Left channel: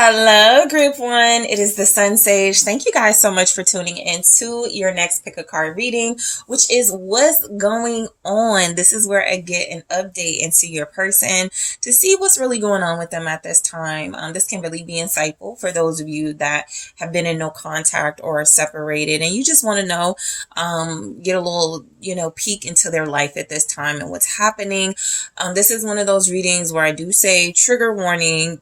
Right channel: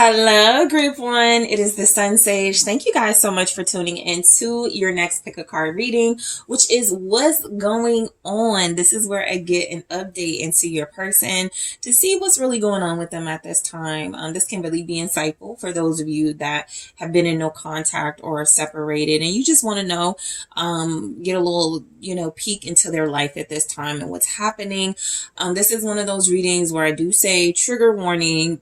Hello, group one. It is the SunSage. Thank you guys so much for tuning into your next pick a card reading, which is what's going on. This is where I get an update into your person to see what's really going on with them at this time. This can really be insightful for those of you that have been in no contact or are separated and you just want to know, get a little, peek into their life at this time and what's happening. This is one of those readings where I do say trigger warning,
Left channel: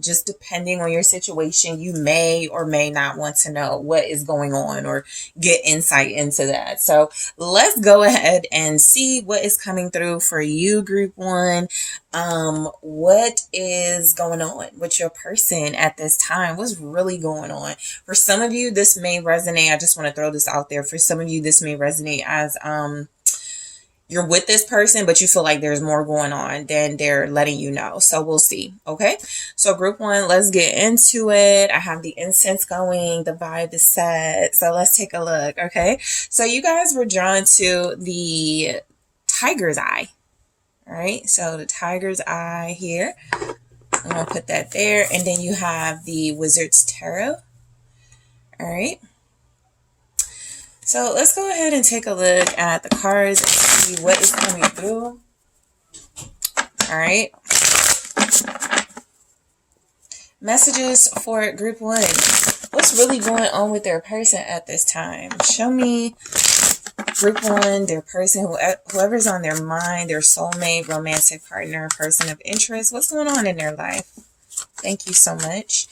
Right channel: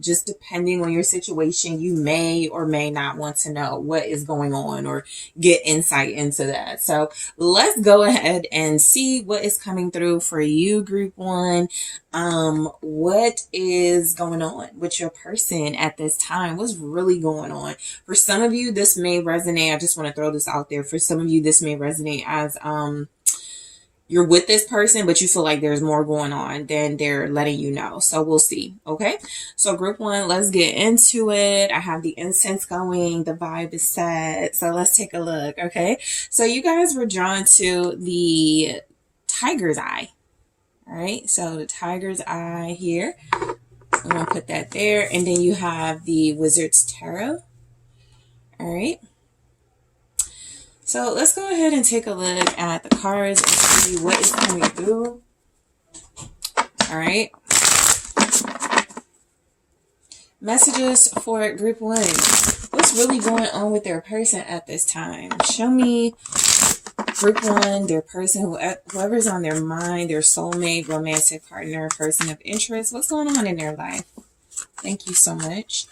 just depending on your situation, you may or may not want to know what is going on or get insight into that. So let's go ahead and see what is coming through for you, group one. What is going on with your person at this time? What's really going on? For some of you, this may resonate. I just want to throw this out there. For some of you, this may resonate as, you're with this person, but you feel like there's more going on than they're letting you know. So we'll see. Okay. So group one, let's get into it. I have the incense going. The vibe is set. So let's take a look. Okay. So you guys were drawn to the tiger's eye. All right. So the tiger's eye here. I'm going to put that there. And then you have the wizard's tarot. All right. So let's go ahead and take a look at the cards and see what is coming through. All right. Messages for group one. What's really going on with their person at this time? Show me group one, their person, whoever's on their mind, their soulmate, romantic partner, person of interest. What's going on in their life? Thank you so much.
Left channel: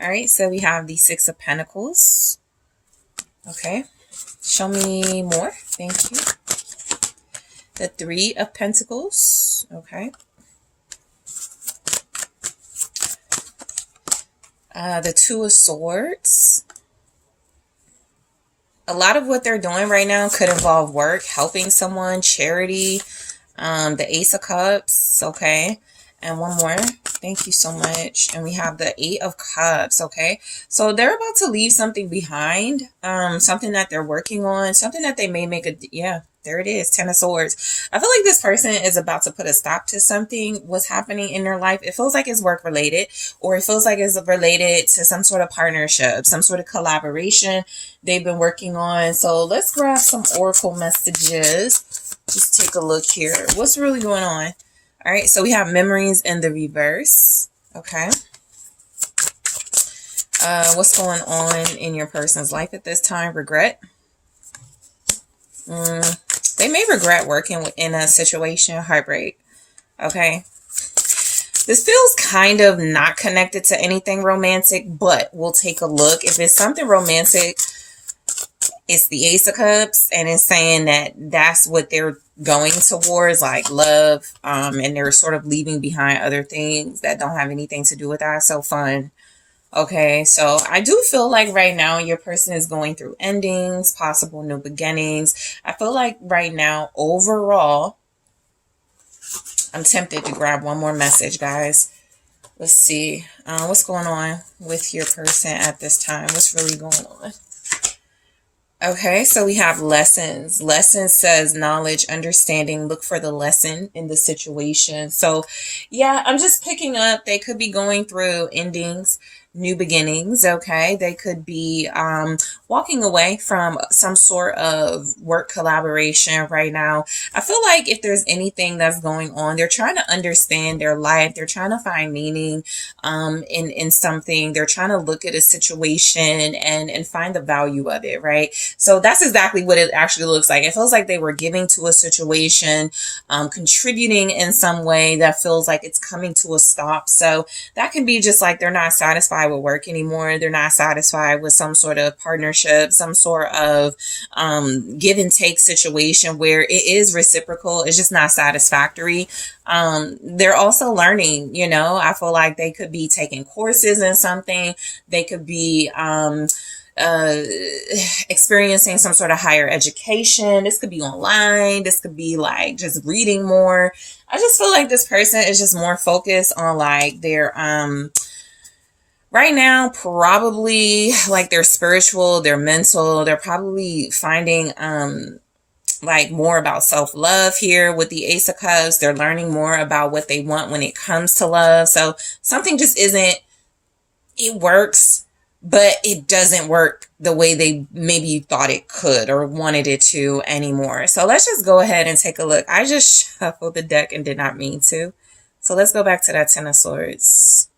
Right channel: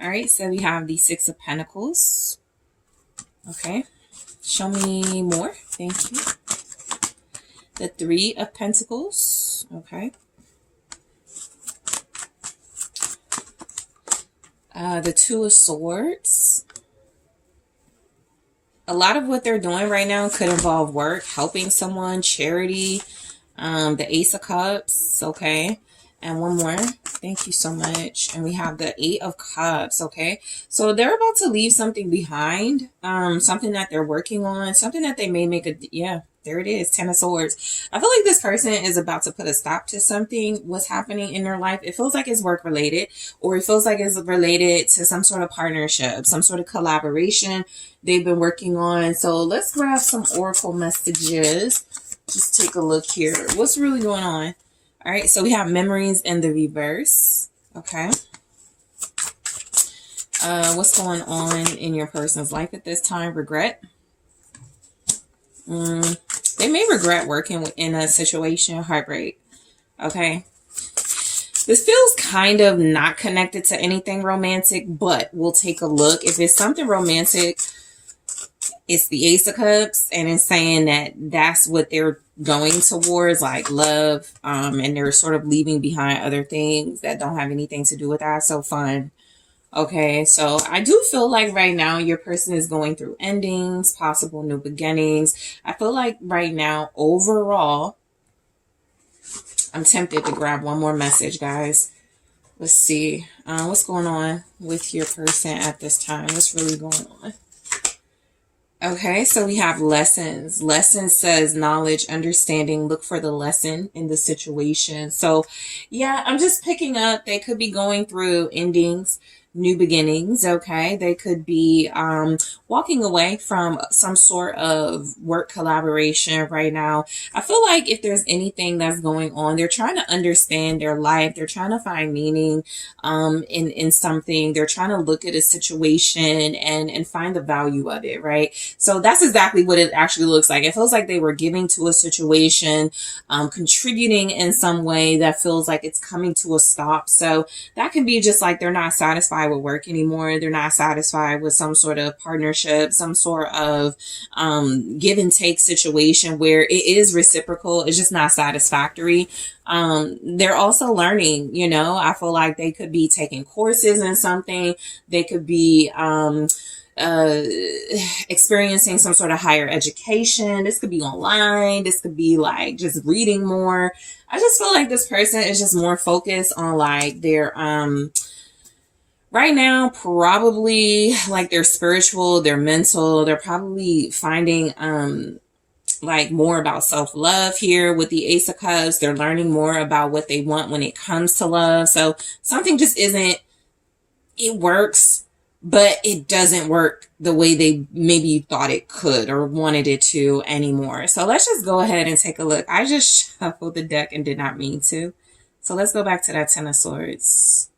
All right. So we have the Six of Pentacles. Okay. Show me more. Thank you. The Three of Pentacles. Okay. The Two of Swords. A lot of what they're doing right now could involve work, helping someone, charity. The Ace of Cups. Okay. And one more. Thank you so much. And we have the Eight of Cups. Okay. So they're about to leave something behind. Something that they're working on. Something that they may make yeah, there it is. Ten of Swords. I feel like this person is about to put a stop to something. What's happening in their life. It feels like it's work related, or it feels like it's related to some sort of partnership, some sort of collaboration they've been working on. So let's grab some oracle messages. Just take a look here. What's really going on? All right, so we have memories in the reverse. Okay. What's going on in your person's life at this time? Regret. They may regret working in a situation. Heartbreak. Okay. This feels kind of not connected to anything romantic, but we'll take a look. If it's something romantic, it's the Ace of Cups, and it's saying that that's what they're going towards, like love, and they're sort of leaving behind other things that don't have anything to do with that. So fun. Okay, so I do feel like right now your person is going through endings, possible new beginnings. I feel like right now, overall, I'm tempted to grab one more message, guys. Let's see. What's going on with your person at this time? What's really going on? Okay, so we have lessons. Lesson says knowledge, understanding, look for the lesson in the situation. So yeah, I'm just picking up, they could be going through endings, new beginnings. Okay, they could be walking away from some sort of work collaboration right now. I feel like if there's anything that's going on, they're trying to understand their life. They're trying to find meaning in something. They're trying to look at a situation and find the value of it, right? So that's exactly what it actually looks like. It feels like they were giving to a situation, contributing in some way that feels like it's coming to a stop. So that can be just like they're not satisfied with work anymore. They're not satisfied with some sort of partnership, some sort of give and take situation where it is reciprocal. It's just not satisfactory. They're also learning, I feel like they could be taking courses in something. They could be experiencing some sort of higher education. This could be online. This could be like just reading more. I just feel like this person is just more focused on like their right now, probably like their spiritual, their mental. They're probably finding like more about self-love here with the Ace of Cups. They're learning more about what they want when it comes to love. So something just isn't it works, but it doesn't work the way they maybe you thought it could or wanted it to anymore. So let's just go ahead and take a look. I just shuffled the deck and did not mean to. So let's go back to that Ten of Swords.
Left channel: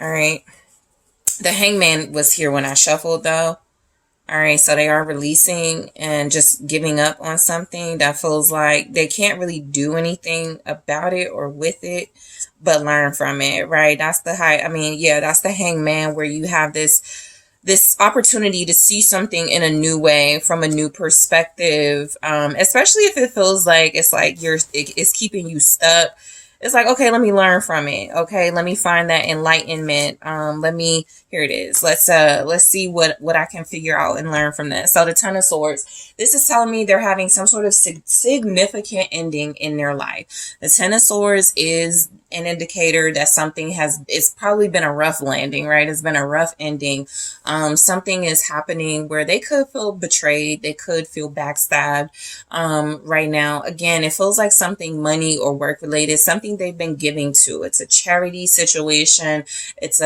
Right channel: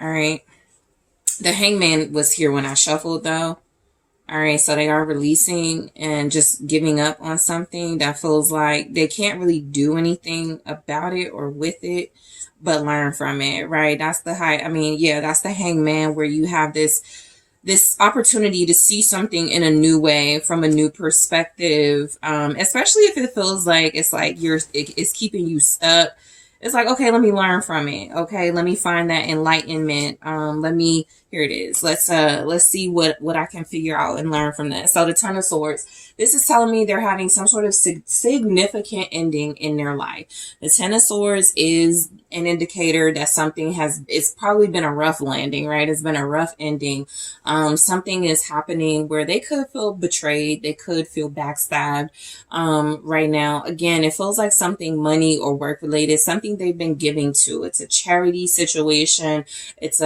All right. The Hangman was here when I shuffled though. All right, so they are releasing and just giving up on something that feels like they can't really do anything about it or with it, but learn from it, right? That's the that's the Hangman, where you have this opportunity to see something in a new way, from a new perspective, especially if it feels like it's keeping you stuck. It's like, okay, let me learn from it. Okay, let me find that enlightenment. Here it is. Let's see what I can figure out and learn from this. So the Ten of Swords, this is telling me they're having some sort of significant ending in their life. The Ten of Swords is an indicator that it's probably been a rough landing, right? It's been a rough ending. Something is happening where they could feel betrayed. They could feel backstabbed. Right now, again, it feels like something money or work related, something they've been giving to. It's a charity situation. It's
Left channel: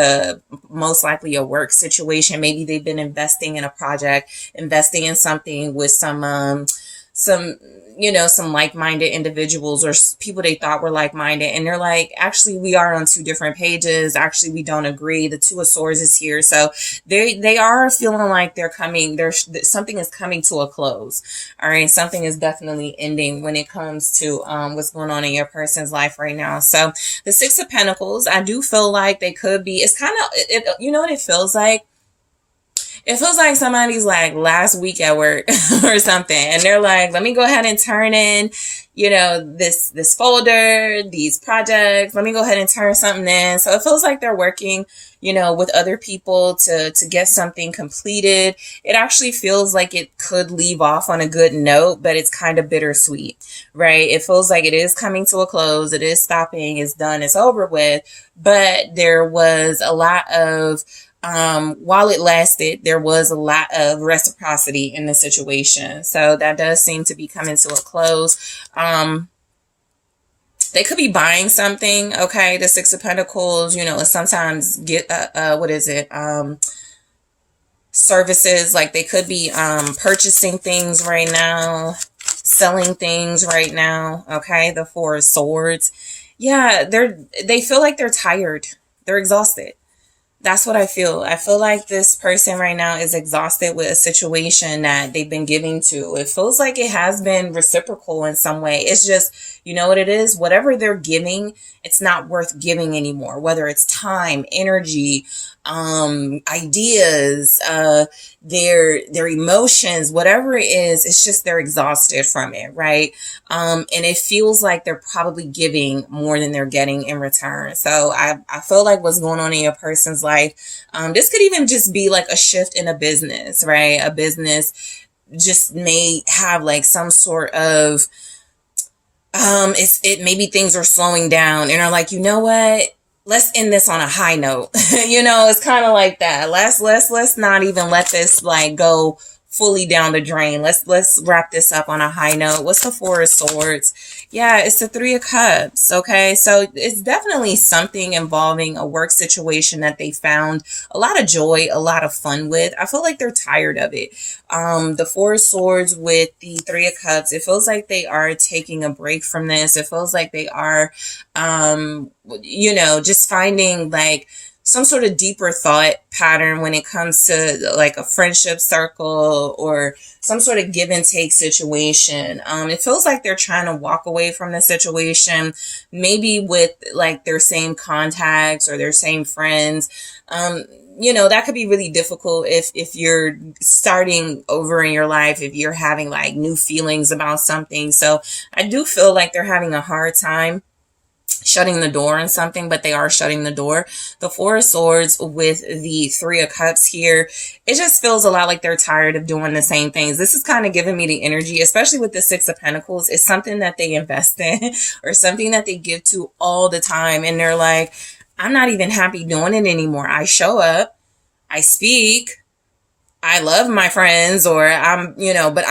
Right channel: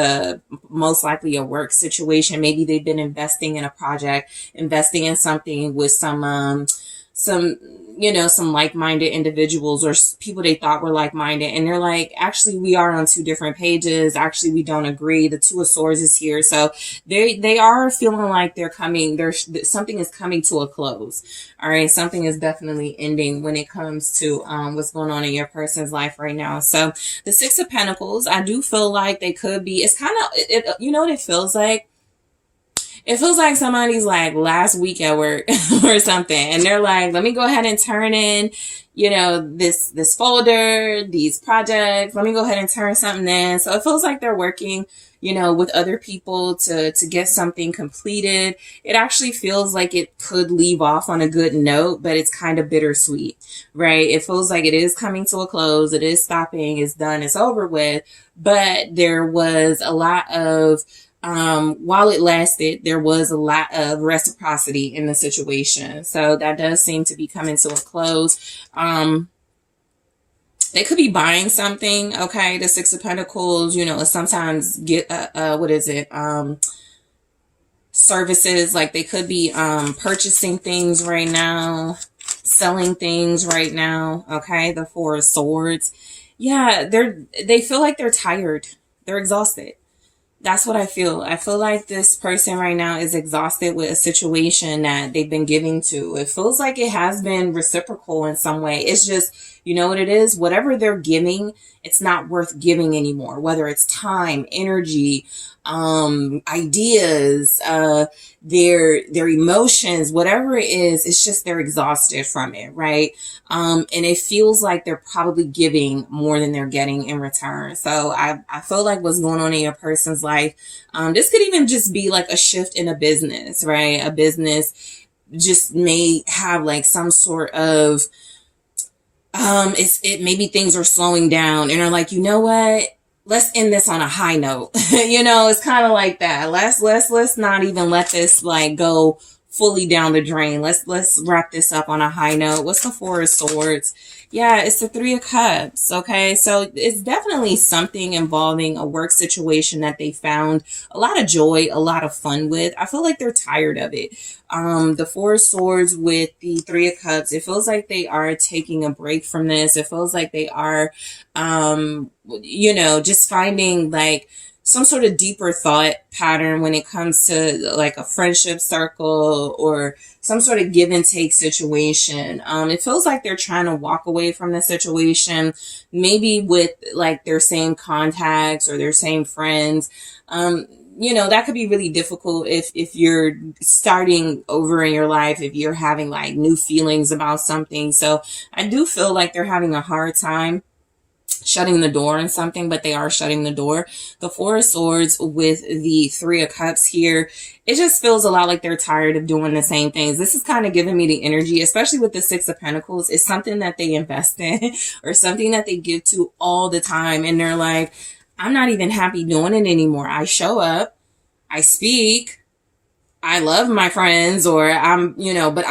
most likely a work situation. Maybe they've been investing in a project, investing in something with some like-minded individuals or people they thought were like-minded. And they're like, actually, we are on two different pages. Actually, we don't agree. The Two of Swords is here. So they are feeling like something is coming to a close. All right. Something is definitely ending when it comes to what's going on in your person's life right now. So the Six of Pentacles, I do feel like they could be, it's kind of, you know what it feels like? It feels like somebody's like last week at work or something, and they're like, let me go ahead and turn in, this folder, these projects. Let me go ahead and turn something in. So it feels like they're working, with other people to get something completed. It actually feels like it could leave off on a good note, but it's kind of bittersweet, right? It feels like it is coming to a close. It is stopping. It's done. It's over with. But there was a lot of, while it lasted, there was a lot of reciprocity in the situation. So that does seem to be coming to a close. They could be buying something. Okay. The Six of Pentacles, sometimes get, services. Like they could be, purchasing things right now, selling things right now. Okay. The Four of Swords. Yeah. They feel like they're tired. They're exhausted. That's what I feel. I feel like this person right now is exhausted with a situation that they've been giving to. It feels like it has been reciprocal in some way. It's just, you know what it is? Whatever they're giving, it's not worth giving anymore. Whether it's time, energy, ideas, their emotions, whatever it is, it's just they're exhausted from it, right? And it feels like they're probably giving more than they're getting in return. So I feel like what's going on in your person's life, this could even just be like a shift in a business, right? A business just may have like some sort of, maybe things are slowing down and are like, you know what? Let's end this on a high note. It's kind of like that. Let's not even let this like go fully down the drain. Let's wrap this up on a high note. What's the Four of Swords? Yeah, it's the Three of Cups. Okay. So it's definitely something involving a work situation that they found a lot of joy, a lot of fun with. I feel like they're tired of it. The Four of Swords with the Three of Cups, it feels like they are taking a break from this. It feels like they are, just finding like some sort of deeper thought pattern when it comes to like a friendship circle or some sort of give and take situation. It feels like they're trying to walk away from the situation, maybe with like their same contacts or their same friends. That could be really difficult if you're starting over in your life, if you're having like new feelings about something. So I do feel like they're having a hard time shutting the door on something, but they are shutting the door. The Four of Swords with the Three of Cups here, it just feels a lot like they're tired of doing the same things. This is kind of giving me the energy, especially with the Six of Pentacles. It's something that they invest in or something that they give to all the time. And they're like, I'm not even happy doing it anymore. I show up, I speak, I love my friends, or I'm, but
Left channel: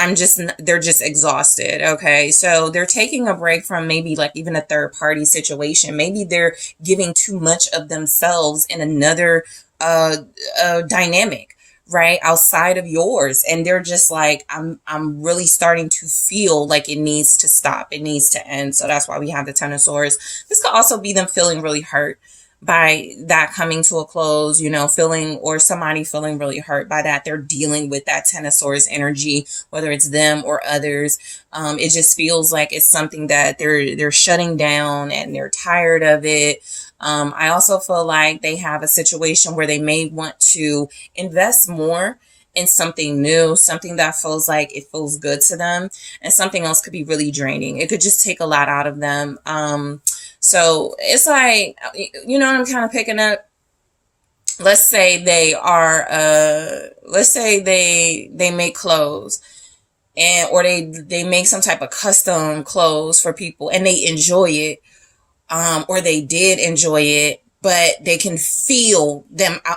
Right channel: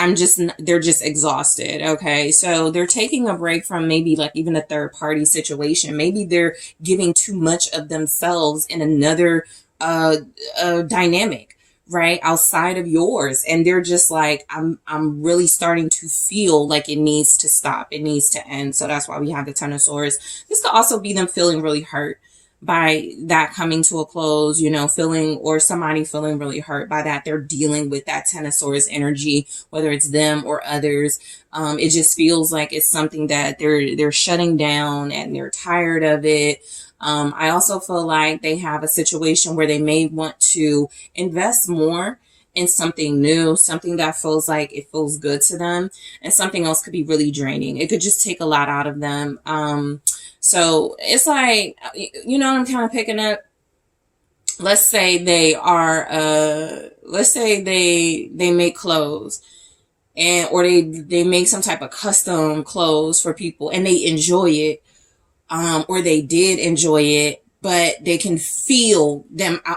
they're just exhausted. Okay. So they're taking a break from maybe like even a third party situation. Maybe they're giving too much of themselves in another dynamic, right? Outside of yours. And they're just like, I'm really starting to feel like it needs to stop. It needs to end. So that's why we have the Ten of Swords. This could also be them feeling really hurt by that coming to a close, feeling, or somebody feeling really hurt by that. They're dealing with that Ten of Swords energy, whether it's them or others. It just feels like it's something that they're shutting down and they're tired of it. I also feel like they have a situation where they may want to invest more in something new, something that feels like it feels good to them, and something else could be really draining. It could just take a lot out of them. So it's like, what I'm kind of picking up. Let's say they are, let's say they make clothes, or they make some type of custom clothes for people and they enjoy it. Or they did enjoy it, but they can feel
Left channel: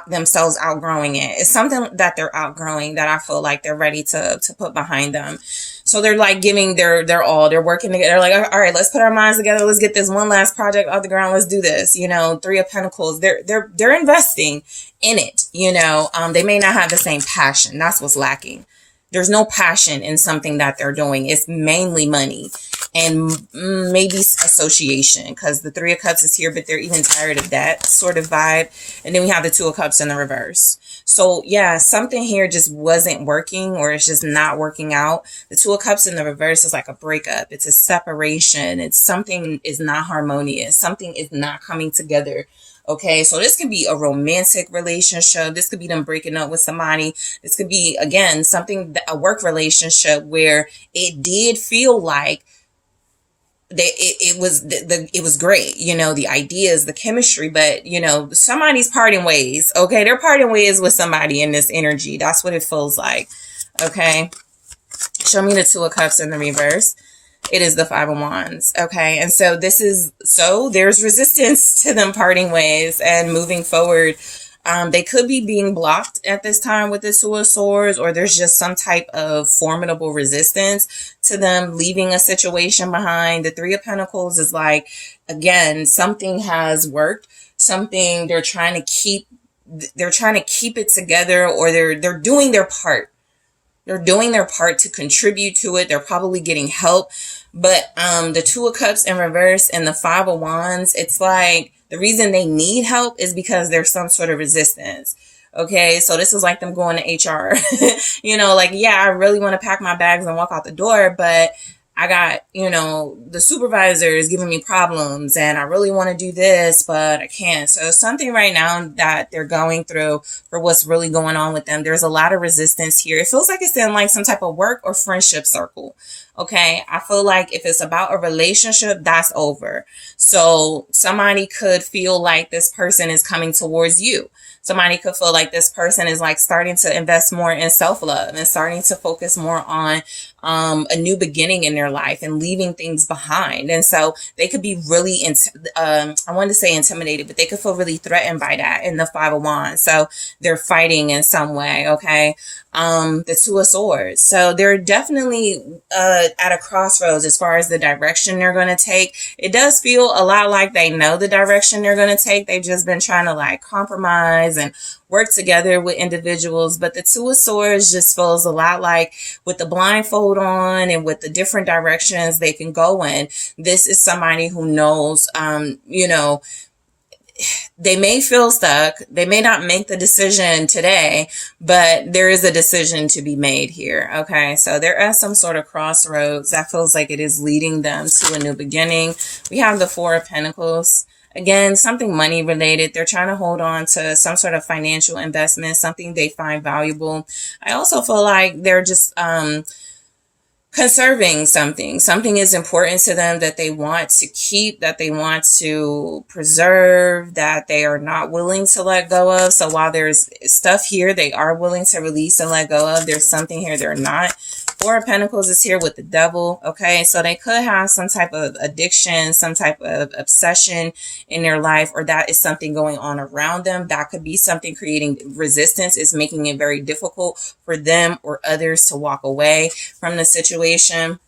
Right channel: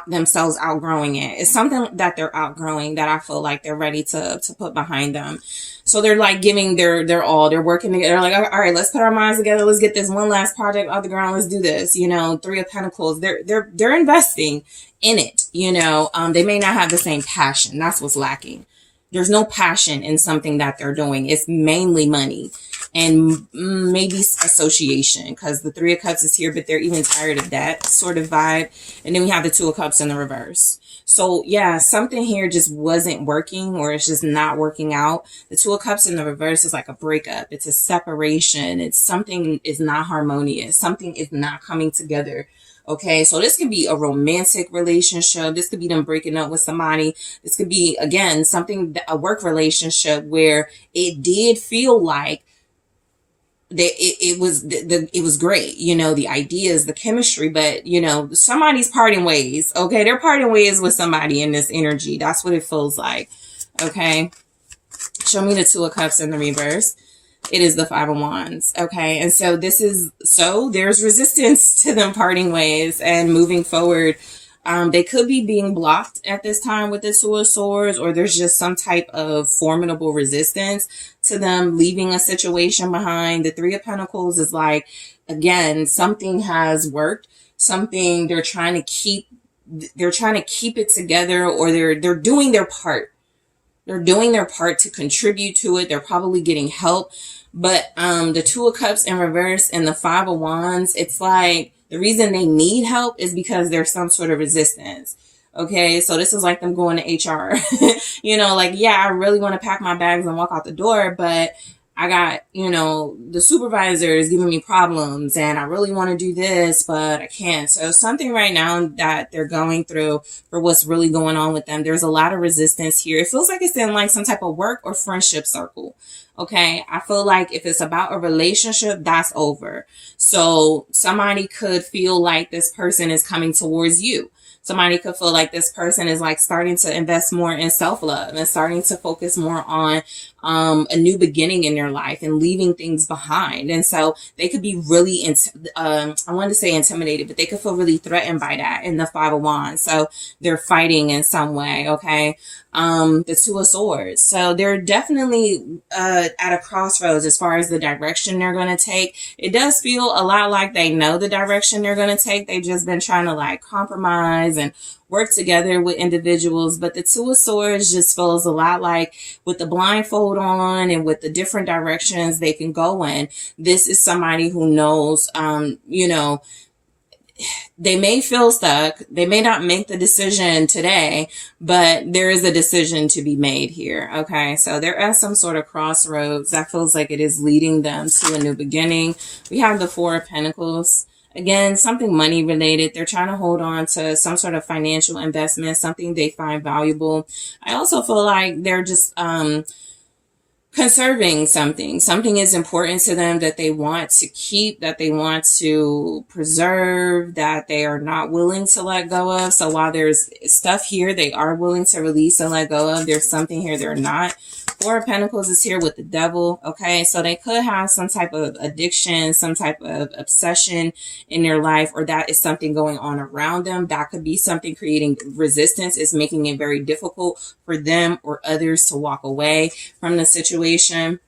themselves outgrowing it. It's something that they're outgrowing that I feel like they're ready to put behind them. So they're like giving their all. They're working together. They're like, all right, let's put our minds together. Let's get this one last project off the ground. Let's do this. Three of Pentacles. They're investing in it. They may not have the same passion. That's what's lacking. There's no passion in something that they're doing. It's mainly money and maybe association, because the Three of Cups is here, but they're even tired of that sort of vibe. And then we have the Two of Cups in the reverse. So yeah, something here just wasn't working, or it's just not working out. The Two of Cups in the reverse is like a breakup. It's a separation. It's something is not harmonious. Something is not coming together. Okay, so this could be a romantic relationship. This could be them breaking up with somebody. This could be, again, a work relationship where it did feel like it was great, the ideas, the chemistry, but somebody's parting ways. Okay, they're parting ways with somebody in this energy. That's what it feels like. Okay, show me the Two of Cups in the reverse. It is the Five of Wands. Okay. And so there's resistance to them parting ways and moving forward. They could be being blocked at this time with the Two of Swords, or there's just some type of formidable resistance to them leaving a situation behind. The Three of Pentacles is like, again, something has worked, something they're trying to keep it together, or they're doing their part. They're doing their part to contribute to it. They're probably getting help. But the Two of Cups in reverse and the Five of Wands, it's like the reason they need help is because there's some sort of resistance. Okay, so this is like them going to HR. Like, yeah, I really want to pack my bags and walk out the door, but I got, the supervisor is giving me problems and I really want to do this, but I can't. So something right now that they're going through for what's really going on with them, there's a lot of resistance here. It feels like it's in like some type of work or friendship circle. Okay. I feel like if it's about a relationship, that's over. So somebody could feel like this person is coming towards you. Somebody could feel like this person is like starting to invest more in self-love and starting to focus more on a new beginning in their life and leaving things behind. And so they could be really, I wanted to say intimidated, but they could feel really threatened by that in the Five of Wands. So they're fighting in some way. Okay. The Two of Swords. So they're definitely at a crossroads as far as the direction they're going to take. It does feel a lot like they know the direction they're going to take. They've just been trying to like compromise and work together with individuals. But the Two of Swords just feels a lot like with the blindfold on and with the different directions they can go in. This is somebody who knows, they may feel stuck. They may not make the decision today, but there is a decision to be made here. Okay. So they're at some sort of crossroads that feels like it is leading them to a new beginning. We have the Four of Pentacles. Again, something money related. They're trying to hold on to some sort of financial investment, something they find valuable. I also feel like they're just, conserving something. Something is important to them that they want to keep, that they want to preserve, that they are not willing to let go of. So while there's stuff here they are willing to release and let go of, there's something here they're not. Four of Pentacles is here with the Devil. Okay, so they could have some type of addiction, some type of obsession in their life, or that is something going on around them. That could be something creating resistance. Is making it very difficult for them or others to walk away from the situation.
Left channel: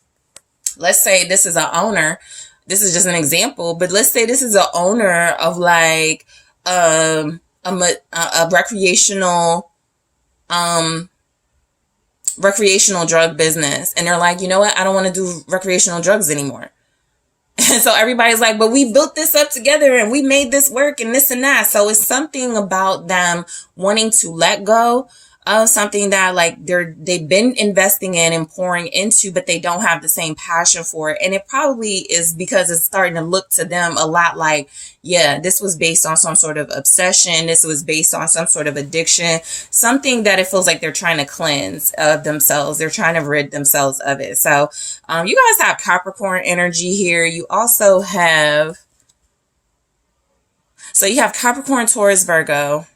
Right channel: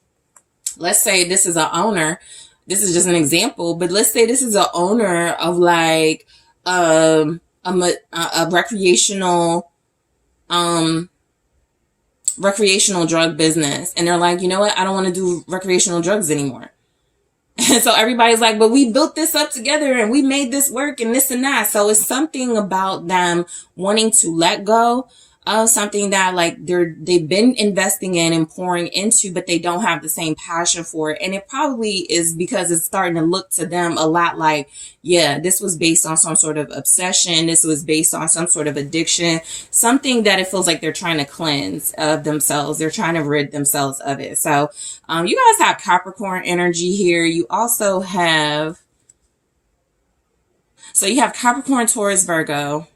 Let's say this is an owner. This is just an example, but let's say this is an owner of like a recreational drug business, and they're like, you know what, I don't want to do recreational drugs anymore. And so everybody's like, but we built this up together and we made this work and this and that. So it's something about them wanting to let go of something that like they've been investing in and pouring into, but they don't have the same passion for it. And it probably is because it's starting to look to them a lot like, yeah, this was based on some sort of obsession. This was based on some sort of addiction, something that it feels like they're trying to cleanse of themselves. They're trying to rid themselves of it. So you guys have Capricorn energy here. You also have, so you have Capricorn, Taurus, Virgo.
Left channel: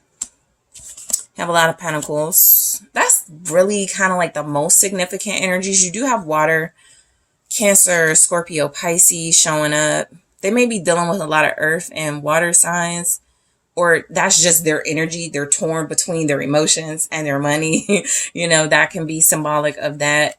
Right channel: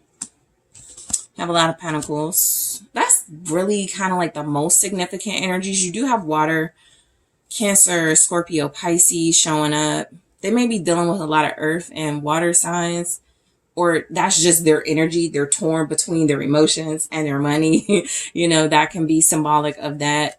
You have a lot of Pentacles. That's really kind of like the most significant energies. You do have water, Cancer, Scorpio, Pisces showing up. They may be dealing with a lot of earth and water signs, or that's just their energy. They're torn between their emotions and their money. You know, that can be symbolic of that.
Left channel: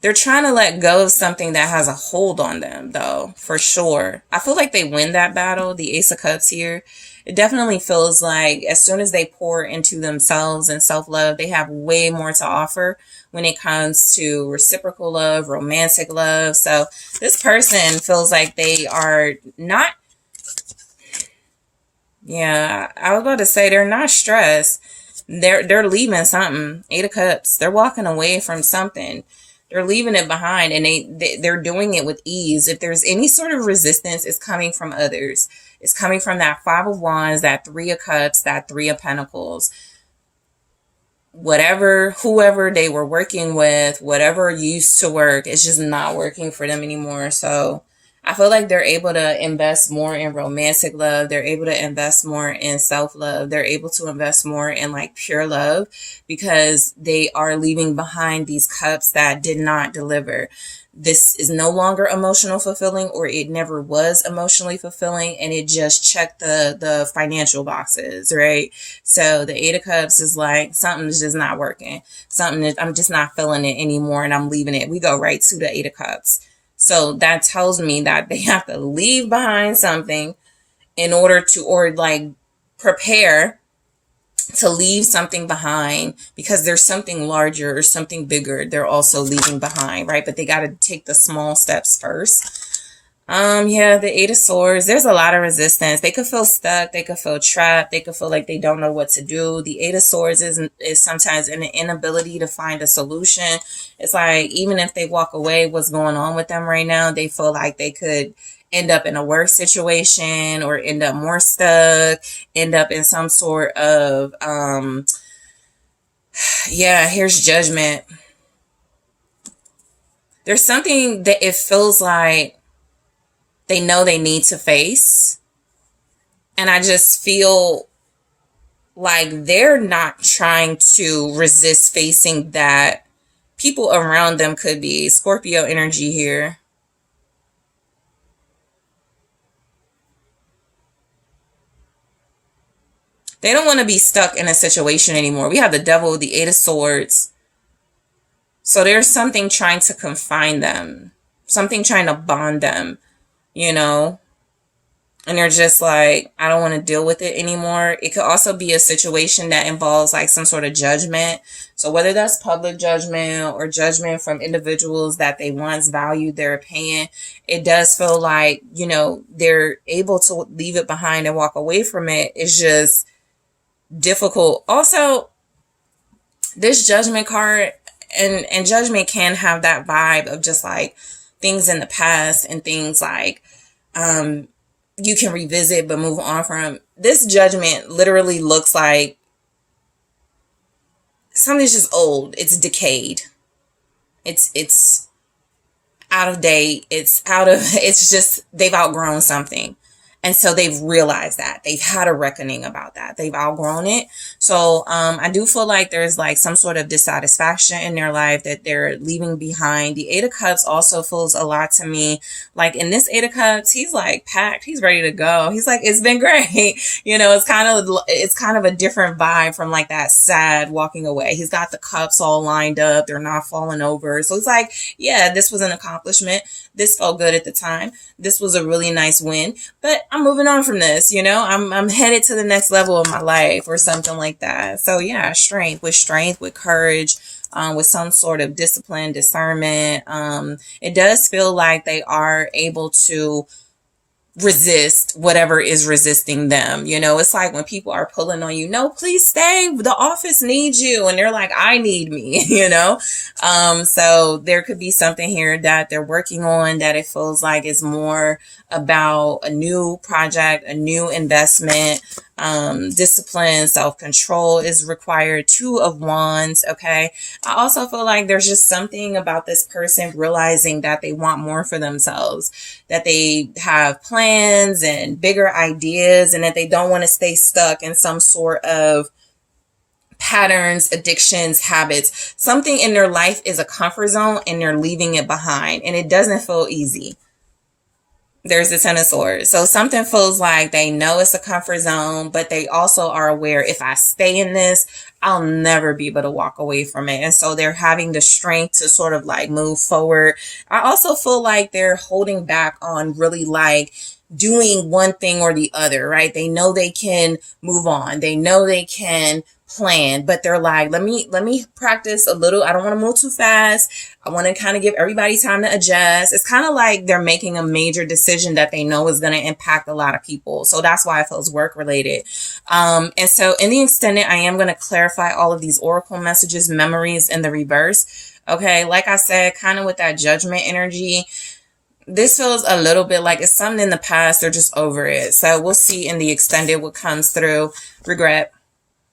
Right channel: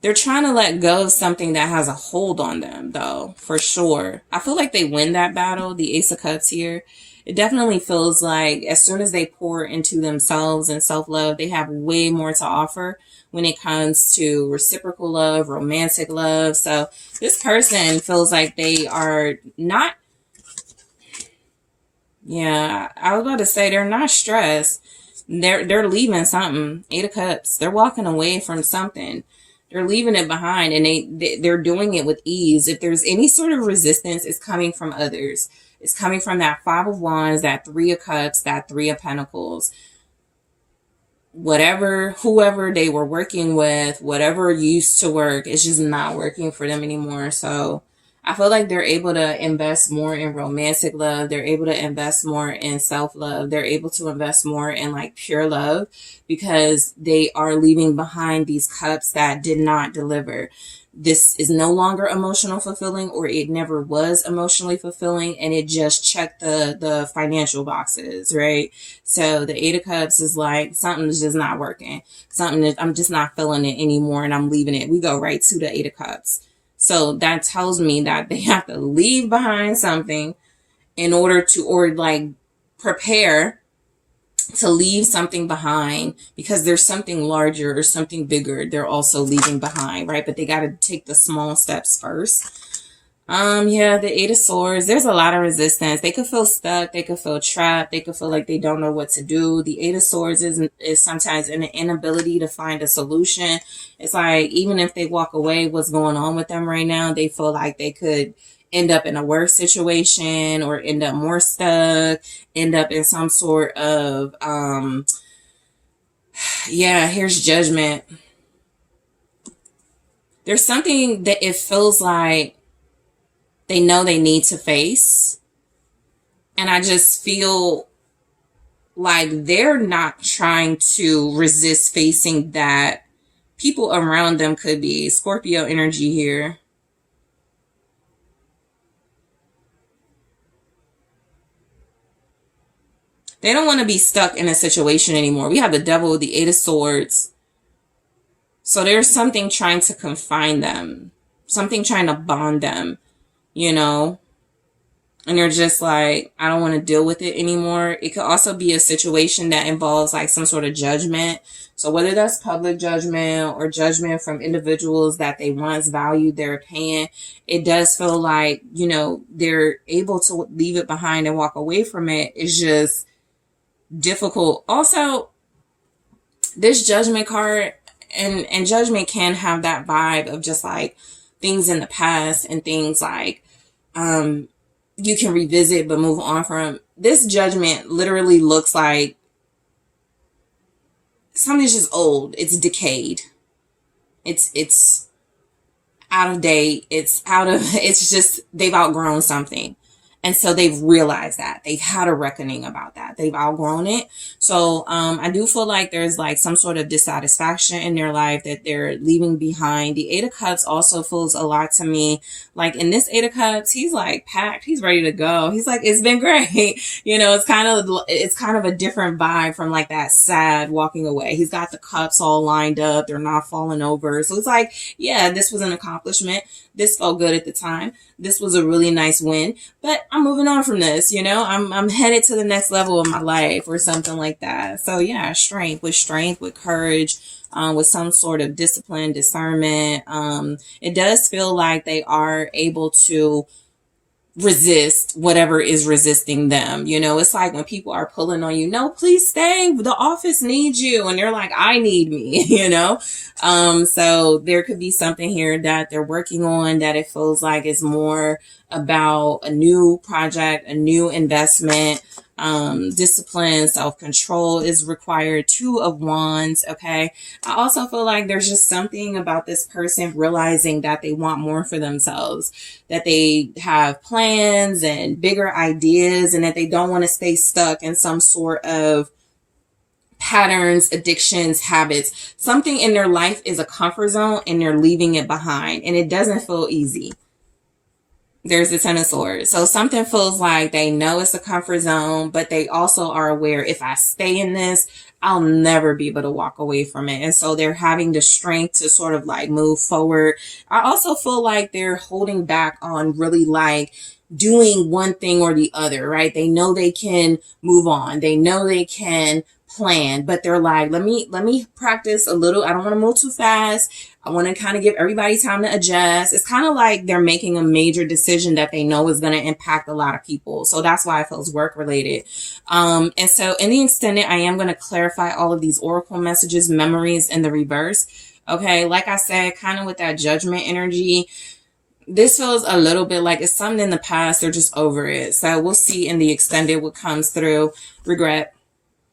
They're trying to let go of something that has a hold on them, though, for sure. I feel like they win that battle, the Ace of Cups here. It definitely feels like as soon as they pour into themselves and self-love, they have way more to offer when it comes to reciprocal love, romantic love. So this person feels like they are not, yeah, I was about to say they're not stressed. They're leaving something. Eight of Cups. They're walking away from something. They're leaving it behind, and they're doing it with ease. If there's any sort of resistance, it's coming from others. It's coming from that Five of Wands, that Three of Cups, that Three of Pentacles. Whatever, whoever they were working with, whatever used to work, it's just not working for them anymore. So I feel like they're able to invest more in romantic love. They're able to invest more in self-love. They're able to invest more in like pure love because they are leaving behind these cups that did not deliver. This is no longer emotional fulfilling, or it never was emotionally fulfilling, and it just checked the financial boxes, right? So the Eight of Cups is like, something's just not working. I'm just not feeling it anymore, and I'm leaving it. We go right to the Eight of Cups. So that tells me that they have to leave behind something in order to, or like prepare to leave something behind, because there's something larger or something bigger they're also leaving behind, right? But they got to take the small steps first. Yeah, the Eight of Swords, there's a lot of resistance. They could feel stuck. They could feel trapped. They could feel like they don't know what to do. The Eight of Swords is sometimes an inability to find a solution. It's like, even if they walk away, what's going on with them right now, they feel like they could end up in a worse situation or end up more stuck, end up in some sort of, yeah, here's Judgment. There's something that it feels like they know they need to face. And I just feel like they're not trying to resist facing that. People around them could be Scorpio energy here. They don't want to be stuck in a situation anymore. We have the Devil with the Eight of Swords. So there's something trying to confine them, something trying to bond them, you know, and they're just like, I don't want to deal with it anymore. It could also be a situation that involves like some sort of judgment. So whether that's public judgment or judgment from individuals that they once valued their opinion, it does feel like, you know, they're able to leave it behind and walk away from it. It's just difficult. Also, this Judgment card and Judgment can have that vibe of just like things in the past and things like you can revisit but move on from. This Judgment literally looks like something's just old. It's decayed. It's out of date. It's just they've outgrown something. And so they've realized that. They've had a reckoning about that. They've outgrown it. So I do feel like there's like some sort of dissatisfaction in their life that they're leaving behind. The Eight of Cups also feels a lot to me. Like in this Eight of Cups, he's like packed. He's ready to go. He's like, it's been great. You know, it's kind of a different vibe from like that sad walking away. He's got the cups all lined up. They're not falling over. So it's like, yeah, this was an accomplishment. This felt good at the time. This was a really nice win, but I'm moving on from this, you know, I'm headed to the next level of my life or something like that. So yeah, strength, with courage, with some sort of discipline, discernment. It does feel like they are able to resist whatever is resisting them. You know, it's like when people are pulling on you, no, please stay, the office needs you, and they're like, I need me, you know. So there could be something here that they're working on that it feels like is more about a new project, a new investment. Discipline, self-control is required. Two of Wands. Okay. I also feel like there's just something about this person realizing that they want more for themselves, that they have plans and bigger ideas, and that they don't want to stay stuck in some sort of patterns, addictions, habits. Something in their life is a comfort zone and they're leaving it behind, and it doesn't feel easy. There's the Ten of Swords. So something feels like they know it's a comfort zone, but they also are aware, if I stay in this, I'll never be able to walk away from it. And so they're having the strength to sort of like move forward. I also feel like they're holding back on really like doing one thing or the other, right? They know they can move on. They know they can plan, but they're like, let me practice a little. I don't want to move too fast. I want to kind of give everybody time to adjust. It's kind of like they're making a major decision that they know is going to impact a lot of people. So that's why it feels work related. And so in the extended, I am going to clarify all of these oracle messages, memories in the reverse. Okay. Like I said, kind of with that judgment energy, this feels a little bit like it's something in the past. They're just over it. So we'll see in the extended what comes through. Regret.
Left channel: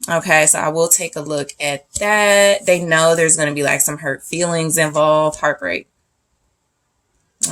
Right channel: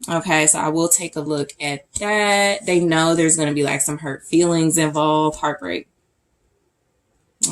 Okay, so I will take a look at that. They know there's going to be like some hurt feelings involved, heartbreak.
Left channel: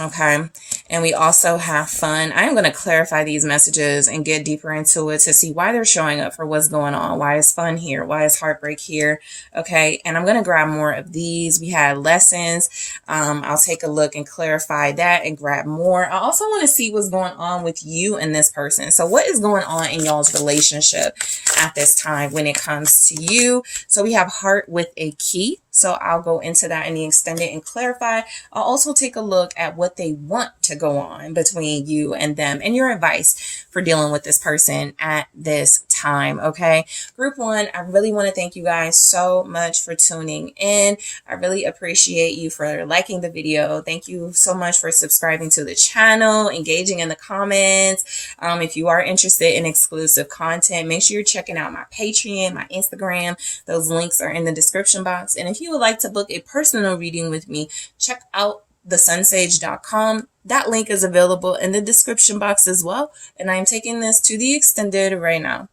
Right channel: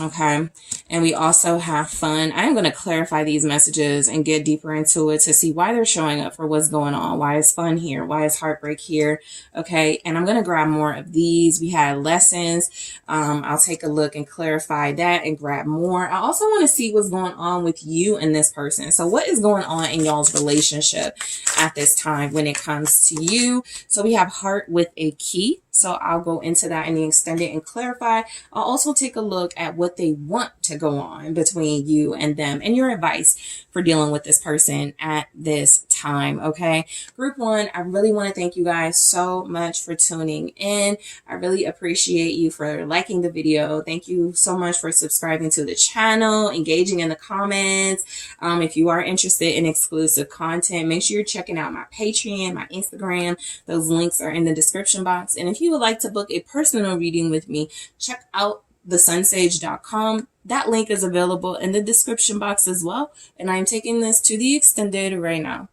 Okay, and we also have fun. I'm going to clarify these messages and get deeper into it to see why they're showing up, for what's going on. Why is fun here? Why is heartbreak here? Okay, and I'm going to grab more of these. We had lessons. I'll take a look and clarify that and grab more. I also want to see what's going on with you and this person. So what is going on in y'all's relationship at this time when it comes to you? So we have heart with a key. So I'll go into that in the extended and clarify. I'll also take a look at what they want to go on between you and them and your advice for dealing with this person at this time. Okay. Group 1, I really want to thank you guys so much for tuning in. I really appreciate you for liking the video. Thank you so much for subscribing to the channel, engaging in the comments. If you are interested in exclusive content, make sure you're checking out my Patreon, my Instagram. Those links are in the description box. And if you would like to book a personal reading with me, check out TheSunSage.com. That link is available in the description box as well. And I am taking this to the extended right now.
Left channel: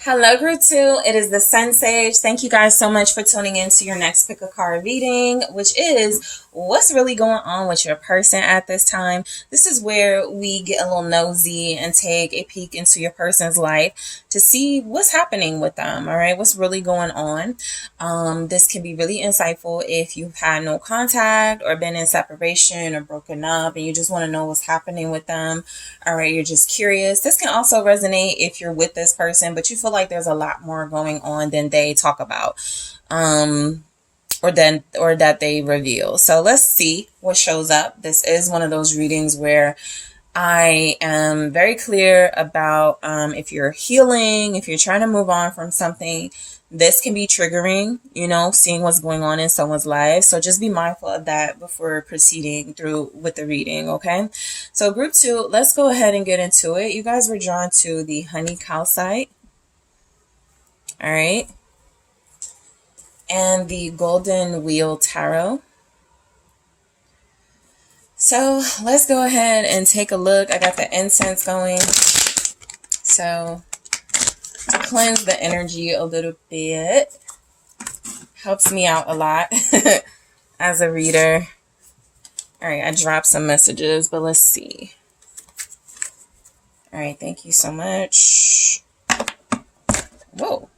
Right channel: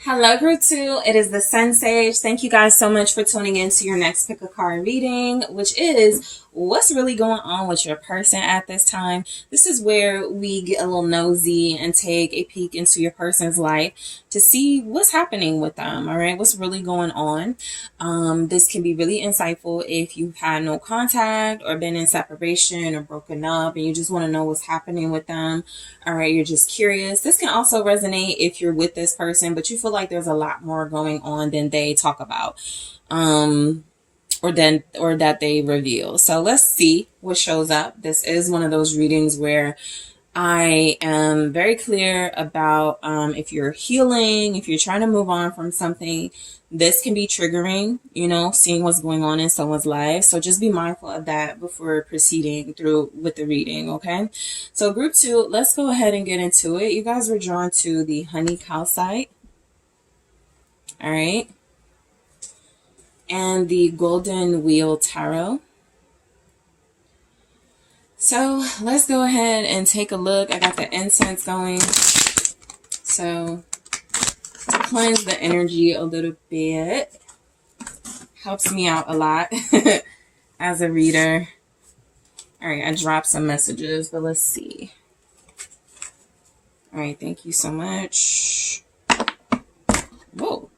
Hello, Group 2. It is the SunSage. Thank you guys so much for tuning in to your next pick a card reading, which is what's really going on with your person at this time. This is where we get a little nosy and take a peek into your person's life to see what's happening with them. All right, what's really going on. This can be really insightful if you've had no contact or been in separation or broken up and you just want to know what's happening with them. All right, you're just curious. This can also resonate if you're with this person, but you feel like there's a lot more going on than they talk about. Or that they reveal. So let's see what shows up. This is one of those readings where I am very clear about if you're healing, if you're trying to move on from something, this can be triggering, you know, seeing what's going on in someone's life. So just be mindful of that before proceeding through with the reading, okay? So Group 2, let's go ahead and get into it. You guys were drawn to the Honey Calcite. All right. And the Golden Wheel Tarot. So let's go ahead and take a look. I got the incense going. So to cleanse the energy a little bit. Helps me out a lot as a reader. All right, I dropped some messages, but let's see. All right, thank you so much. Whoa.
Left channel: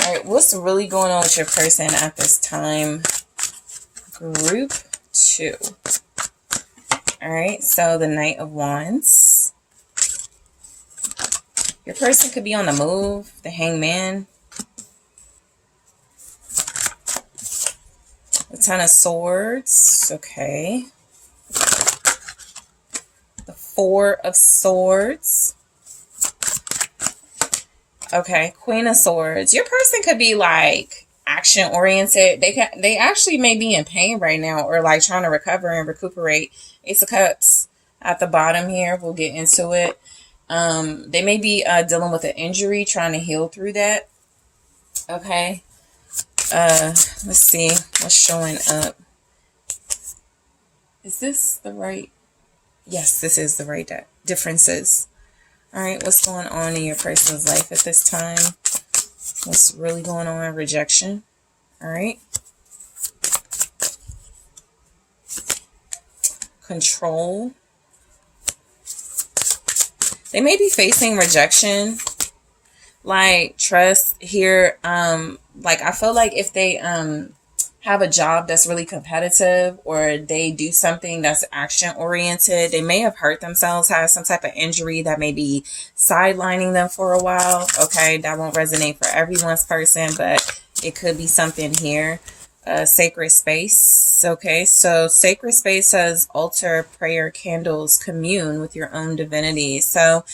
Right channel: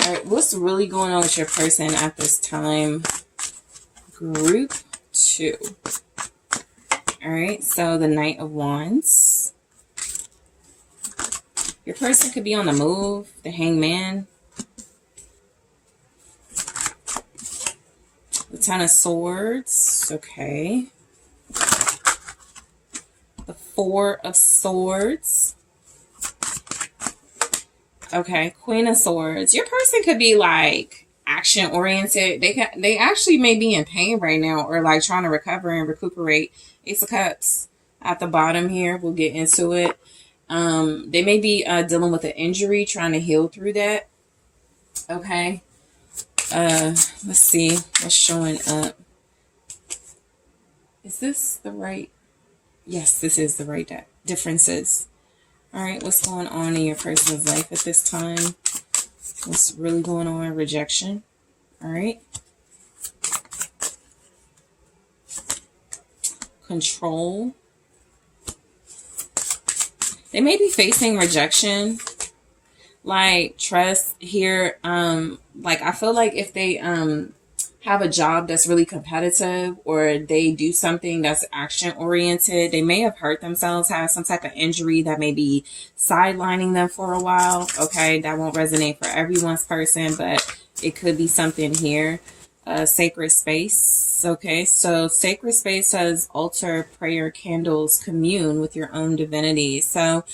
All right, what's really going on with your person at this time? Group 2. All right, so the Knight of Wands. Your person could be on the move. The Hangman. The Ten of Swords. Okay. The Four of Swords. Okay, Queen of Swords. Your person could be like action oriented. They actually may be in pain right now, or like trying to recover and recuperate. Ace of Cups at the bottom here. We'll get into it. They may be dealing with an injury, trying to heal through that. Okay. Let's see what's showing up. Is this the right? Yes, this is the right deck. Differences. All right, what's going on in your person's life at this time? What's really going on? Rejection. All right. Control. They may be facing rejection. Like trust here. Like I feel like if they have a job that's really competitive, or they do something that's action oriented, they may have hurt themselves, have some type of injury that may be sidelining them for a while. Okay, that won't resonate for everyone's person, but it could be something here. Sacred space. Okay, so sacred space says altar, prayer, candles, commune with your own divinity. So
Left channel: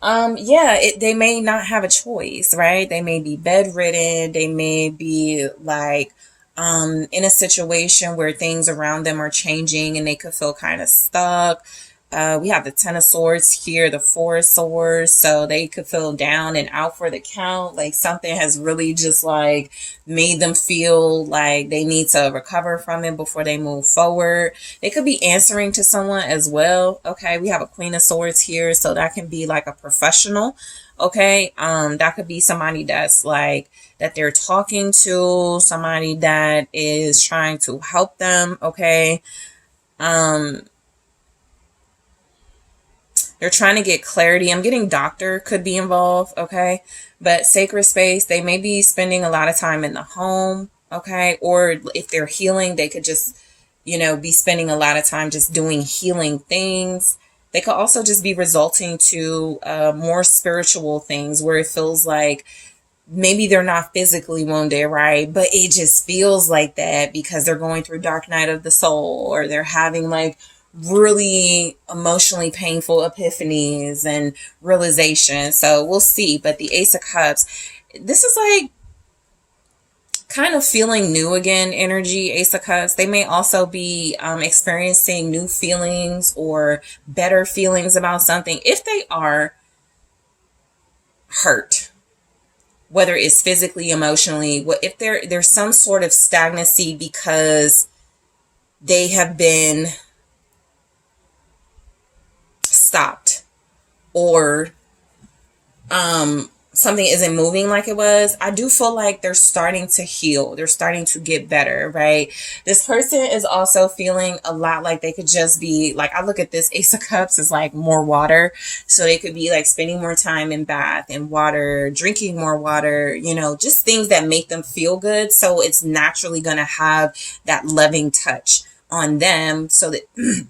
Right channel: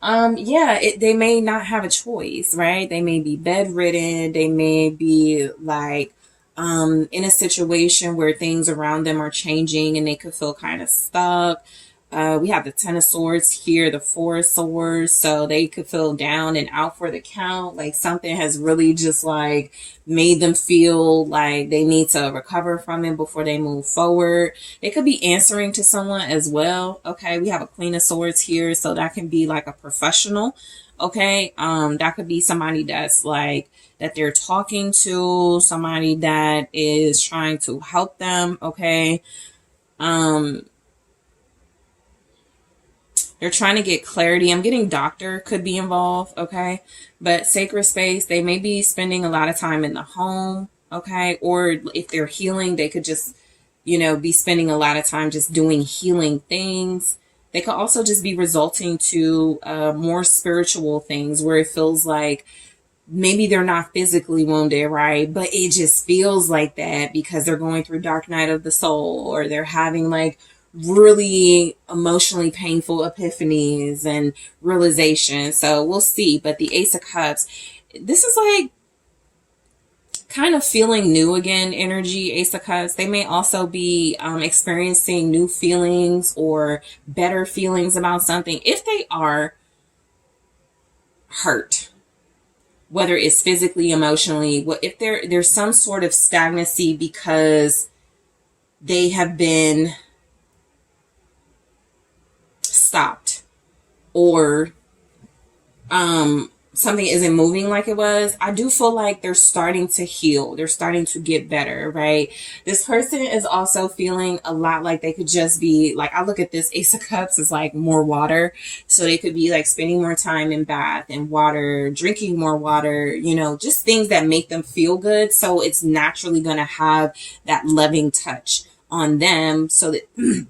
yeah, they may not have a choice, right? They may be bedridden. They may be like in a situation where things around them are changing and they could feel kind of stuck. We have the Ten of Swords here, the Four of Swords, so they could feel down and out for the count. Like something has really just like made them feel like they need to recover from it before they move forward. They could be answering to someone as well. Okay, we have a Queen of Swords here, so that can be like a professional. Okay, that could be somebody that's like that they're talking to, somebody that is trying to help them. Okay, they're trying to get clarity. I'm getting doctor could be involved. Okay, but sacred space, they may be spending a lot of time in the home. Okay, or if they're healing, they could just, you know, be spending a lot of time just doing healing things. They could also just be resulting to more spiritual things where it feels like maybe they're not physically wounded, right? But it just feels like that because they're going through dark night of the soul, or they're having like really emotionally painful epiphanies and realizations. So we'll see. But the Ace of Cups, this is like kind of feeling new again energy. Ace of Cups, they may also be experiencing new feelings or better feelings about something if they are hurt, whether it's physically, emotionally. If there's some sort of stagnancy because they have been stopped, or something isn't moving like it was, I do feel like they're starting to heal. They're starting to get better, right? This person is also feeling a lot like they could just be like, I look at this Ace of Cups as like more water. So they could be like spending more time in bath and water, drinking more water, you know, just things that make them feel good. So it's naturally going to have that loving touch on them so that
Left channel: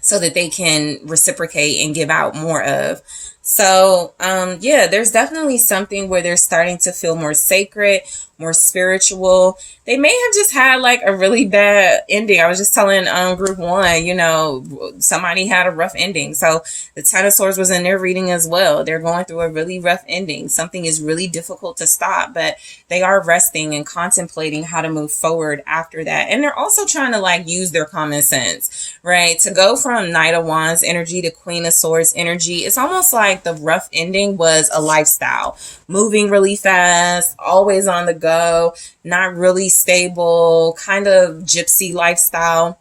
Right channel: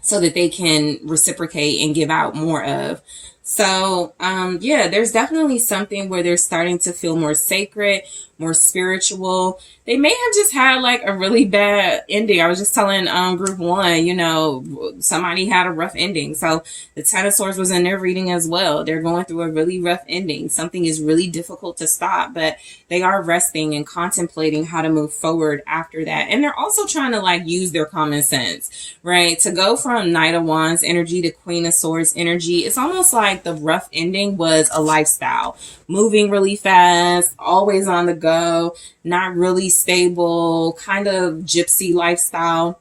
so that they can reciprocate and give out more of. So, yeah, there's definitely something where they're starting to feel more sacred, more spiritual. They may have just had like a really bad ending. I was just telling group 1, you know, somebody had a rough ending. So the Ten of Swords was in their reading as well. They're going through a really rough ending. Something is really difficult to stop, but they are resting and contemplating how to move forward after that. And they're also trying to like use their common sense, right? To go from Knight of Wands energy to Queen of Swords energy, it's almost like the rough ending was a lifestyle, moving really fast, always on the go, not really stable, kind of gypsy lifestyle.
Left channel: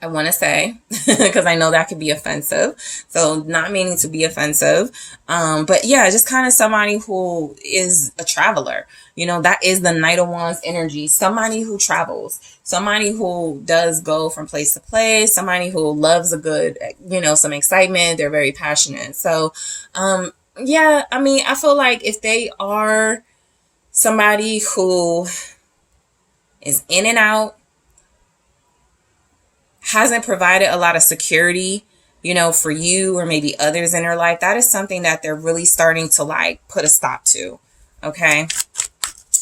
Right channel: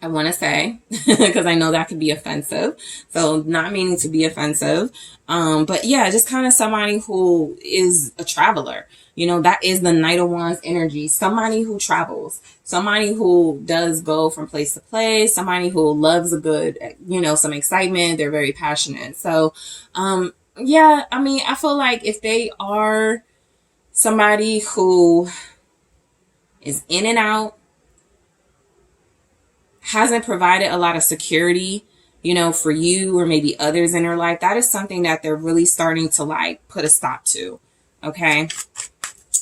I want to say, because I know that could be offensive. So not meaning to be offensive. But yeah, just kind of somebody who is a traveler. You know, that is the Knight of Wands energy. Somebody who travels, somebody who does go from place to place, somebody who loves a good, you know, some excitement. They're very passionate. So, yeah, I mean, I feel like if they are somebody who is in and out, hasn't provided a lot of security, you know, for you or maybe others in their life, that is something that they're really starting to like put a stop to. Okay.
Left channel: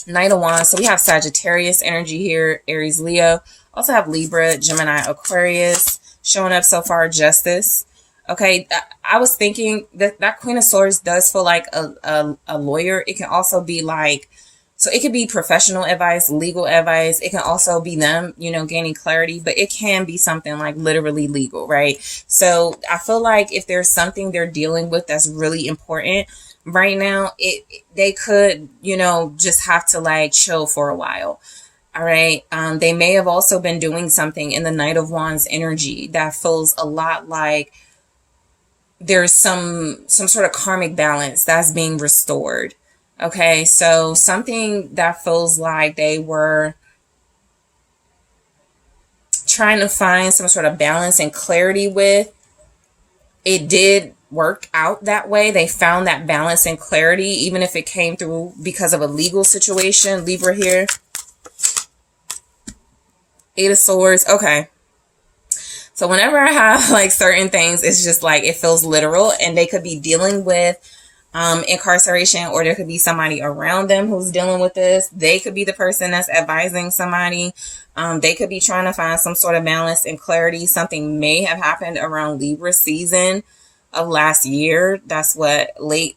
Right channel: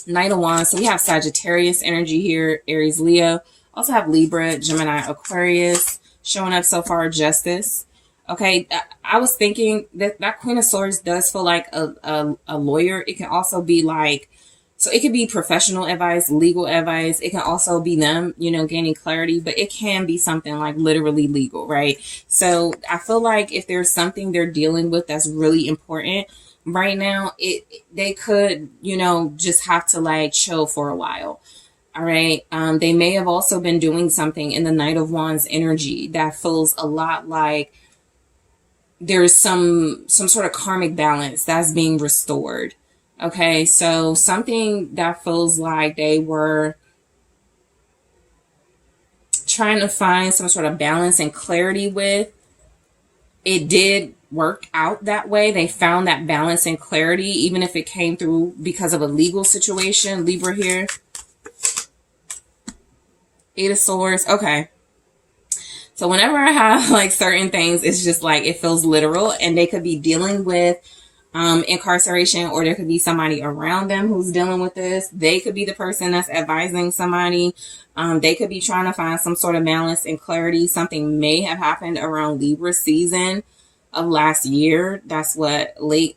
Knight of Wands. So we have Sagittarius energy here, Aries, Leo. Also have Libra, Gemini, Aquarius showing up so far. Justice. Okay. I was thinking that Queen of Swords does feel like a lawyer. It can also be like, so it could be professional advice, legal advice. It can also be them, you know, gaining clarity, but it can be something like literally legal, right? So I feel like if there's something they're dealing with that's really important right now, they could, you know, just have to like chill for a while. All right. They may have also been doing something in the Knight of Wands energy that feels a lot like there's some sort of karmic balance that's being restored. Okay, so something that feels like they were trying to find some sort of balance and clarity with, it did work out that way. They found that balance and clarity, even if it came through because of a legal situation. Libra here. Eight of Swords. Okay. So whenever I have like certain things, it's just like it feels literal, and they could be dealing with incarceration, or there could be somebody around them who's dealing with this. They could be the person that's advising somebody. They could be trying to find some sort of balance and clarity. Something may have happened around Libra season of last year. That's what late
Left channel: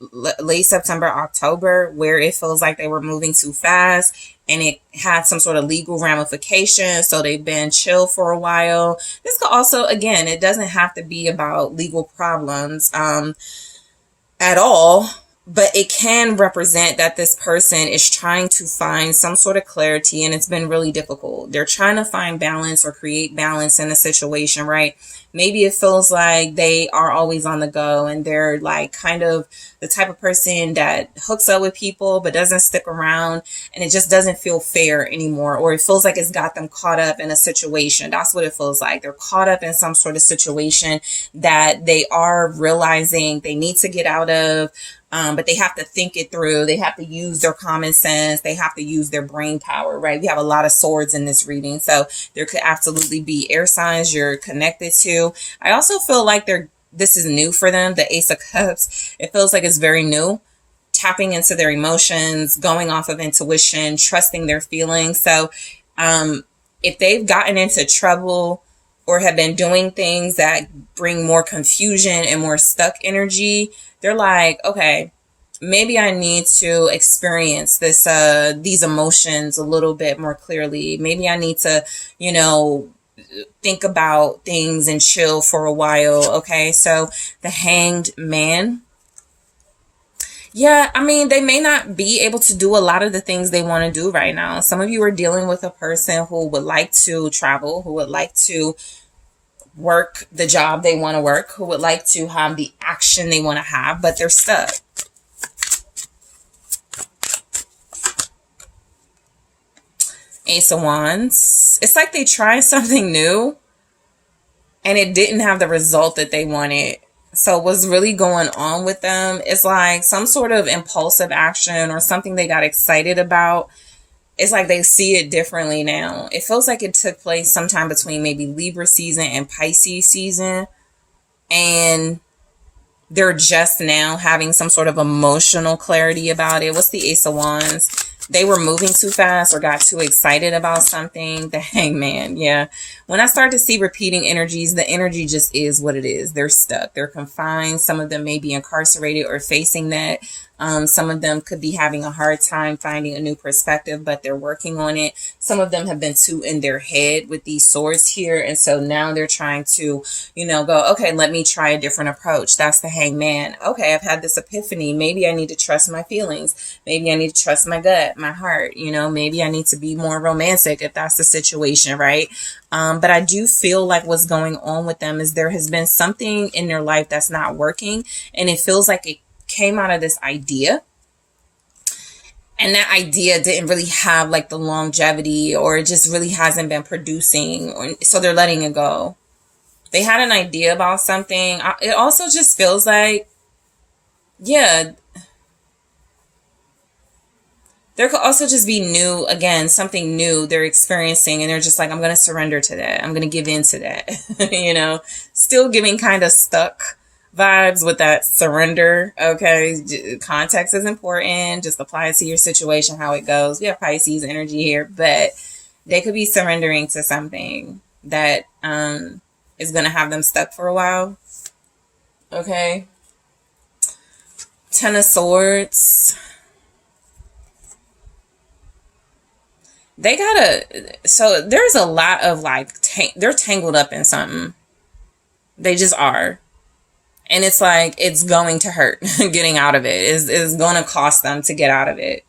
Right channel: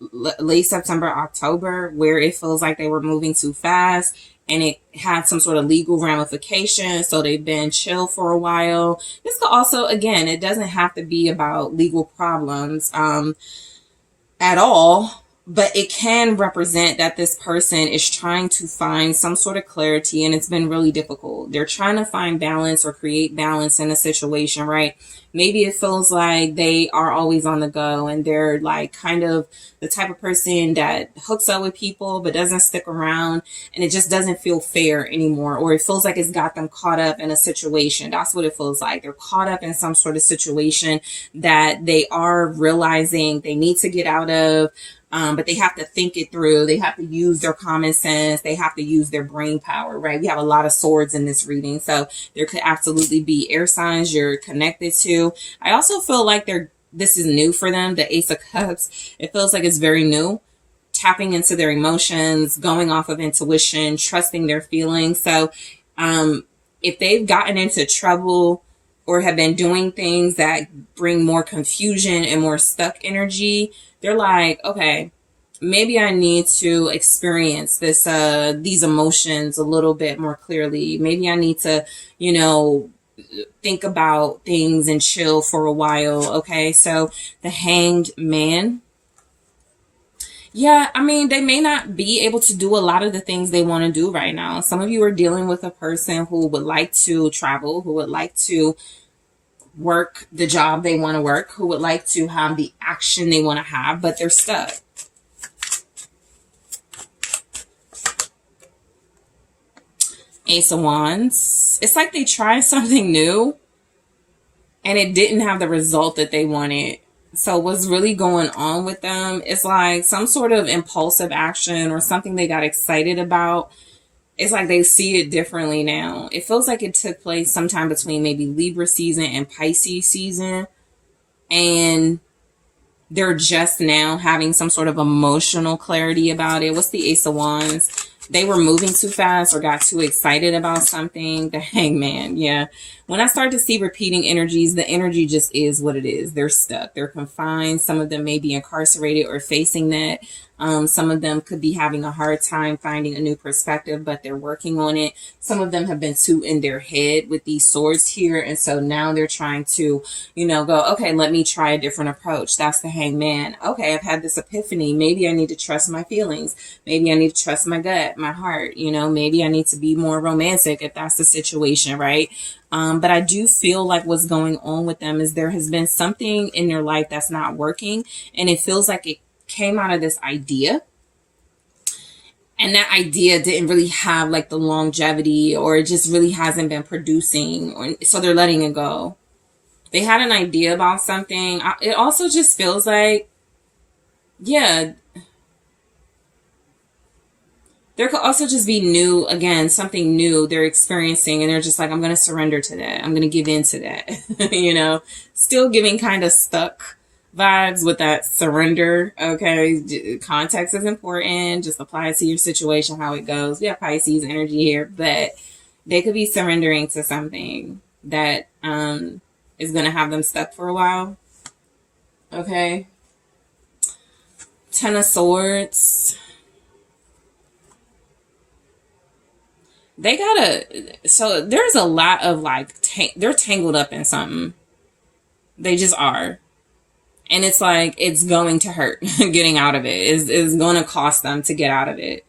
September, October, where it feels like they were moving too fast and it had some sort of legal ramification. So they've been chill for a while. This could also, again, it doesn't have to be about legal problems at all, but it can represent that this person is trying to find some sort of clarity, and it's been really difficult. They're trying to find balance or create balance in a situation, right? Maybe it feels like they are always on the go, and they're like kind of the type of person that hooks up with people but doesn't stick around, and it just doesn't feel fair anymore, or it feels like it's got them caught up in a situation. That's what it feels like. They're caught up in some sort of situation that they are realizing they need to get out of, but they have to think it through. They have to use their common sense. They have to use their brain power, right? We have a lot of swords in this reading, so there could absolutely be air signs you're connected to. I also feel like this is new for them. The Ace of Cups, it feels like it's very new. Tapping into their emotions, going off of intuition, trusting their feelings. So if they've gotten into trouble or have been doing things that bring more confusion and more stuck energy, they're like, okay, maybe I need to experience these emotions a little bit more clearly. Maybe I need to, you know, think about things and chill for a while. Okay, so the Hanged Man. Yeah, I mean, they may not be able to do a lot of the things they want to do right now. Some of you are dealing with a person who would like to travel, who would like to work the job they want to work, who would like to have the action they want to have, but they're stuck. Ace of Wands. It's like they tried something new and it didn't have the result that they wanted. So what's really going on with them is like some sort of impulsive action or something they got excited about. It's like they see it differently now. It feels like it took place sometime between maybe Libra season and Pisces season. And they're just now having some sort of emotional clarity about it. What's the Ace of Wands? They were moving too fast or got too excited about something. The Hangman, yeah. When I start to see repeating energies, the energy just is what it is. They're stuck. They're confined. Some of them may be incarcerated or facing that. Some of them could be having a hard time finding a new perspective, but they're working on it. Some of them have been too in their head with these swords here. And so now they're trying to, go, okay, let me try a different approach. That's the Hangman. Okay, I've had this epiphany. Maybe I need to trust my feelings. Maybe I need to trust my gut, my heart. Maybe I need to be more romantic if that's the situation, right? But I do feel like what's going on with them is there has been something in their life that's not working, and it feels like it came out of this idea, and that idea didn't really have like the longevity, or it just really hasn't been producing, so they're letting it go. They had an idea about something. It also just feels like, yeah, there could also just be new, again, something new they're experiencing, and they're just like, I'm going to surrender to that. I'm going to give in to that. Still giving kind of stuck vibes with that surrender. Okay. Context is important. Just apply it to your situation, how it goes. We have Pisces energy here, but they could be surrendering to something that is going to have them stuck for a while. Okay. Ten of Swords. They so there's a lot of like, they're tangled up in something. They just are. And it's like, it's going to hurt getting out of it. It's going to cost them to get out of it.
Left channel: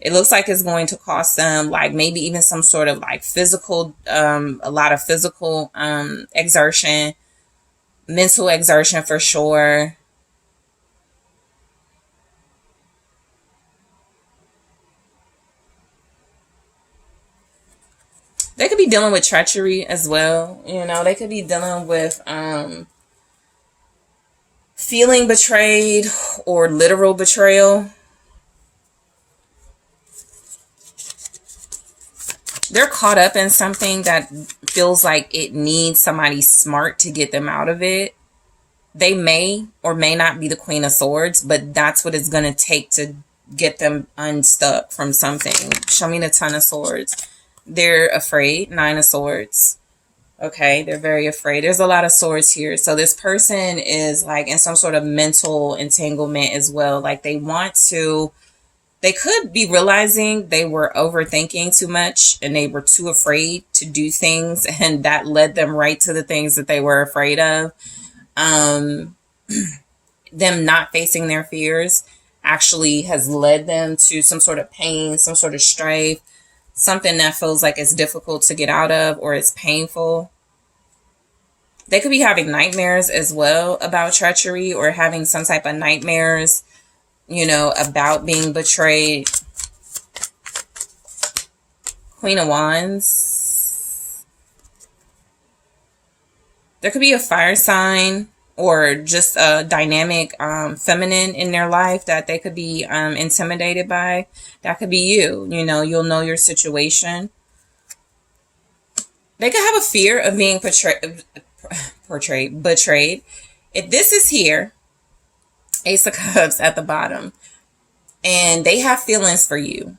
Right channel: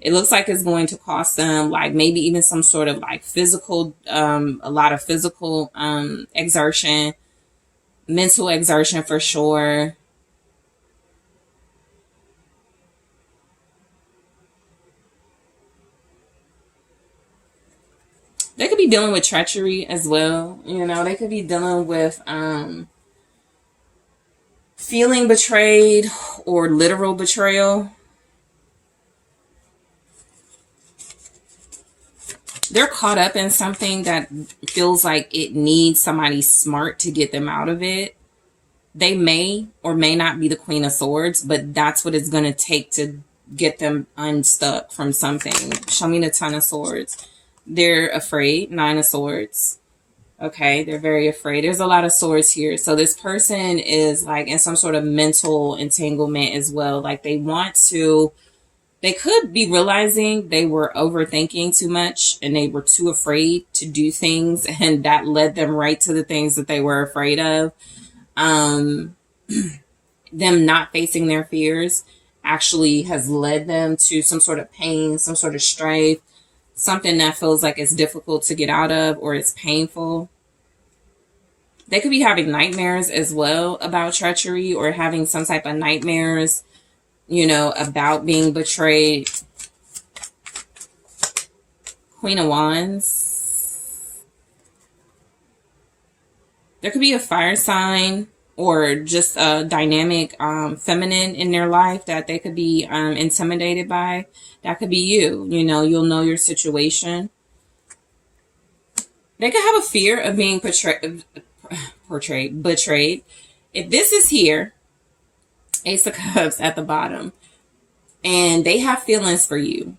It looks like it's going to cost them like maybe even some sort of like physical, a lot of physical exertion, mental exertion for sure. They could be dealing with treachery as well. They could be dealing with feeling betrayed or literal betrayal. They're caught up in something that feels like it needs somebody smart to get them out of it. They may or may not be the Queen of Swords, but that's what it's going to take to get them unstuck from something. Show me the Ten of Swords. They're afraid. Nine of Swords. Okay, they're very afraid. There's a lot of swords here. So this person is like in some sort of mental entanglement as well. Like they could be realizing they were overthinking too much and they were too afraid to do things, and that led them right to the things that they were afraid of. Them not facing their fears actually has led them to some sort of pain, some sort of strife, something that feels like it's difficult to get out of or it's painful. They could be having nightmares as well about treachery, or having some type of nightmares, about being betrayed. Queen of Wands. There could be a fire sign or just a dynamic feminine in their life that they could be intimidated by. That could be you. You'll know your situation. They could have a fear of being betrayed. If this is here, Ace of Cups at the bottom, and they have feelings for you,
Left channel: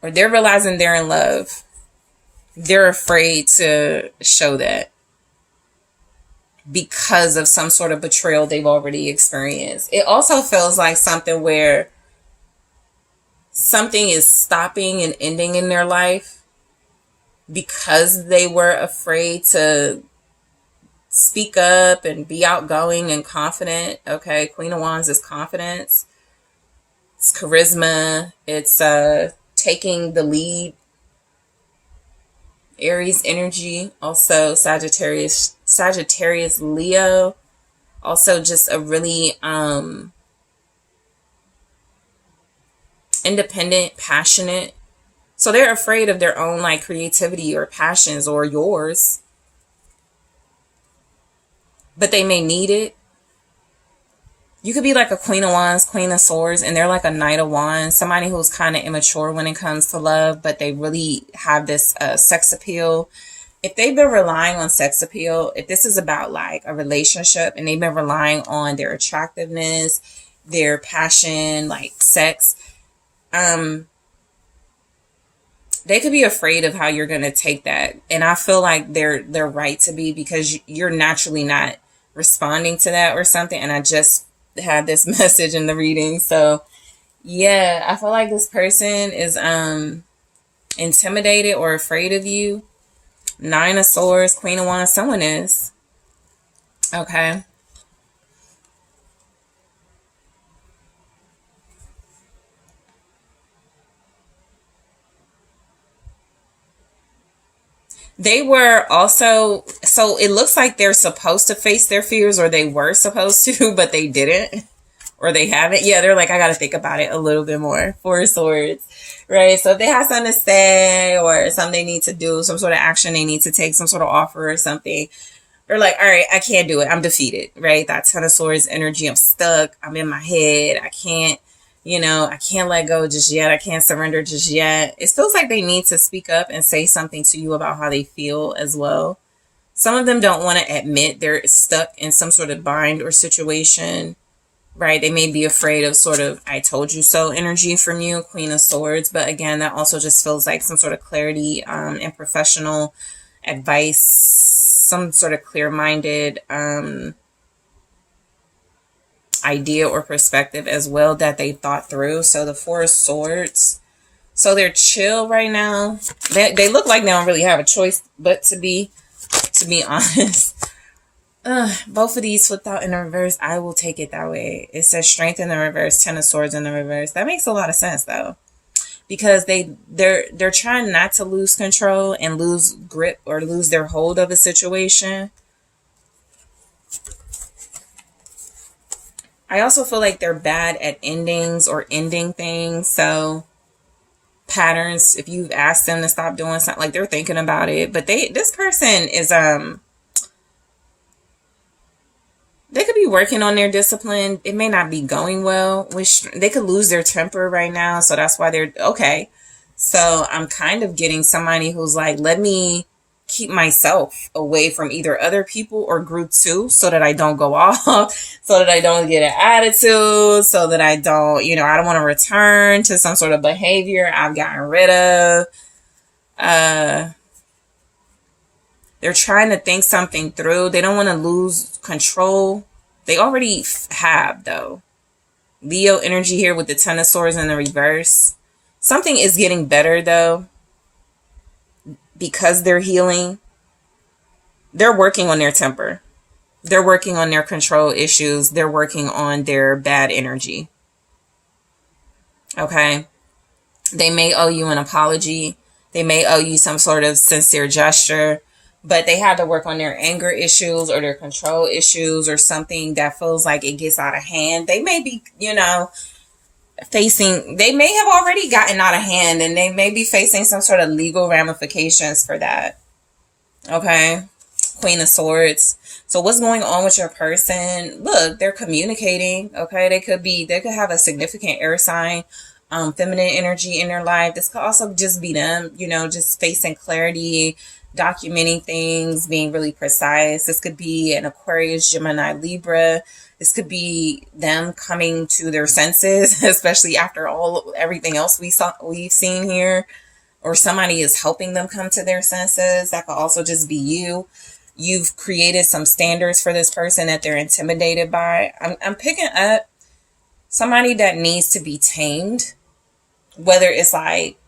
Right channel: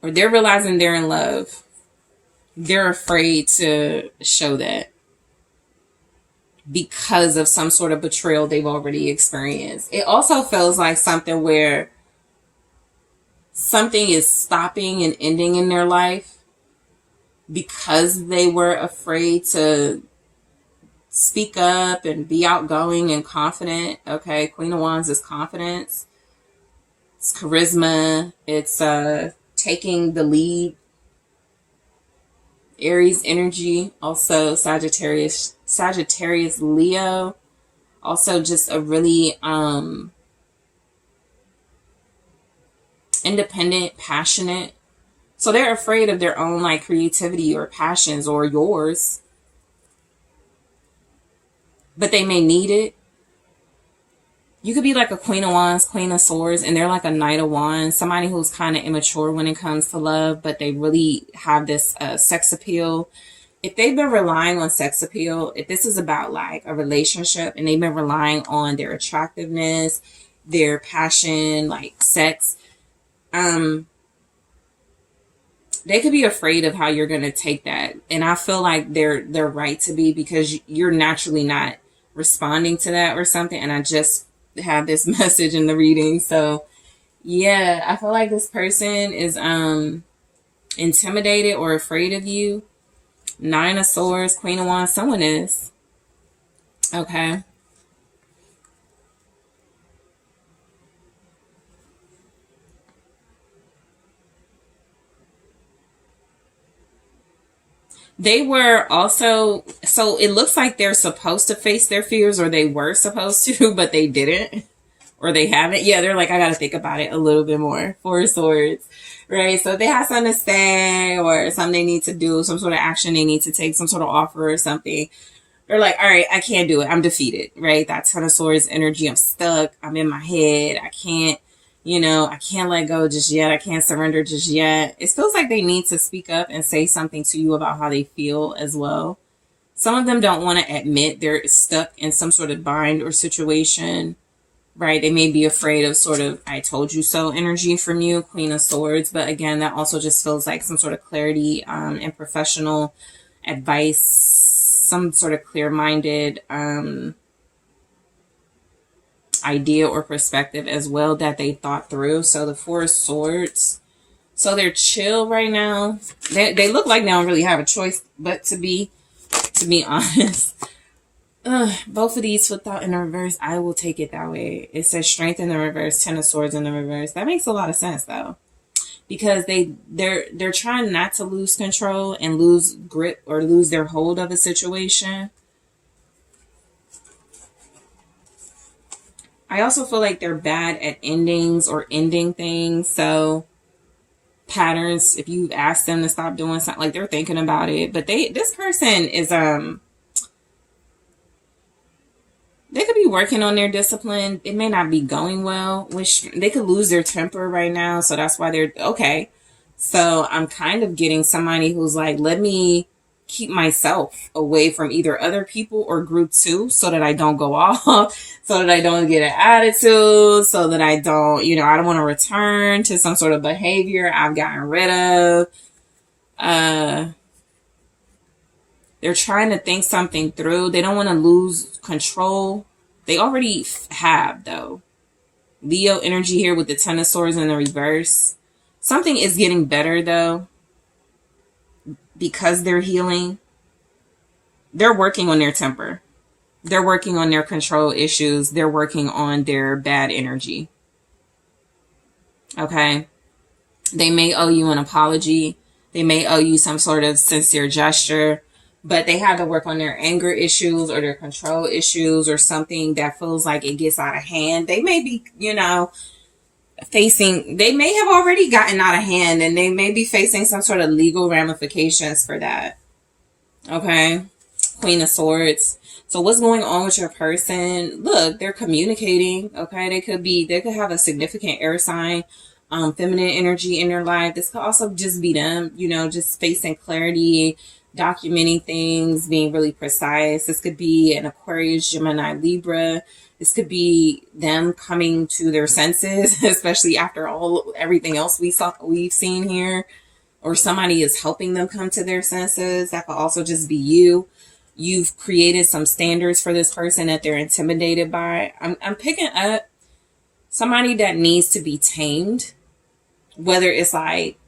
or they're realizing they're in love, they're afraid to show that because of some sort of betrayal they've already experienced. It also feels like something where something is stopping and ending in their life because they were afraid to speak up and be outgoing and confident. Okay, Queen of Wands is confidence. It's charisma. It's taking the lead. Aries energy. Also Sagittarius Leo. Also just a really independent, passionate. So they're afraid of their own like creativity or passions, or yours. But they may need it. You could be like a Queen of Wands, Queen of Swords, and they're like a Knight of Wands. Somebody who's kind of immature when it comes to love, but they really have this sex appeal. If they've been relying on sex appeal, if this is about like a relationship and they've been relying on their attractiveness, their passion, like sex, they could be afraid of how you're going to take that. And I feel like they're right to be, because you're naturally not responding to that or something. And I just have this message in the reading. So yeah, I feel like this person is intimidated or afraid of you. Nine of Swords, Queen of Wands, someone is. Okay. They were also, so it looks like they're supposed to face their fears, or they were supposed to, but they didn't, or they haven't. Yeah, they're like, I got to think about it a little bit more. Four of Swords, right? So if they have something to say or something they need to do, some sort of action they need to take, some sort of offer or something, they're like, all right, I can't do it. I'm defeated, right? That Ten of Swords energy. I'm stuck. I'm in my head. I can't, I can't let go just yet. I can't surrender just yet. It feels like they need to speak up and say something to you about how they feel as well. Some of them don't want to admit they're stuck in some sort of bind or situation, right? They may be afraid of sort of I told you so energy from you, Queen of Swords. But again, that also just feels like some sort of clarity and professional advice, some sort of clear-minded idea or perspective as well that they thought through. So the Four of Swords, so they're chill right now. They look like they don't really have a choice but to be honest. Both of these flipped out in the reverse. I will take it that way. It says Strength in the reverse, Ten of Swords in the reverse. That makes a lot of sense though, because they're trying not to lose control and lose grip or lose their hold of a situation. I also feel like they're bad at endings or ending things. So patterns, if you've asked them to stop doing something, like they're thinking about it, but this person is they could be working on their discipline. It may not be going well, which they could lose their temper right now. So that's why they're okay. So I'm kind of getting somebody who's like, let me keep myself away from either other people or group two so that I don't go off, so that I don't get an attitude, so that I don't, I don't want to return to some sort of behavior I've gotten rid of. They're trying to think something through. They don't want to lose control. They already have, though. Leo energy here with the Ten of Swords in the reverse. Something is getting better, though, because they're healing. They're working on their temper. They're working on their control issues. They're working on their bad energy. Okay? They may owe you an apology. They may owe you some sort of sincere gesture. But they have to work on their anger issues or their control issues or something that feels like it gets out of hand. They may be, they may have already gotten out of hand and they may be facing some sort of legal ramifications for that. Okay. Queen of Swords. So what's going on with your person? Look, they're communicating. Okay. They could have a significant air sign, feminine energy in their life. This could also just be them, just facing clarity, documenting things, being really precise. This could be an Aquarius, Gemini, Libra. This could be them coming to their senses, especially after everything else we've seen here, or somebody is helping them come to their senses. That could also just be you. You've created some standards for this person that they're intimidated by. I'm picking up somebody that needs to be tamed, whether it's like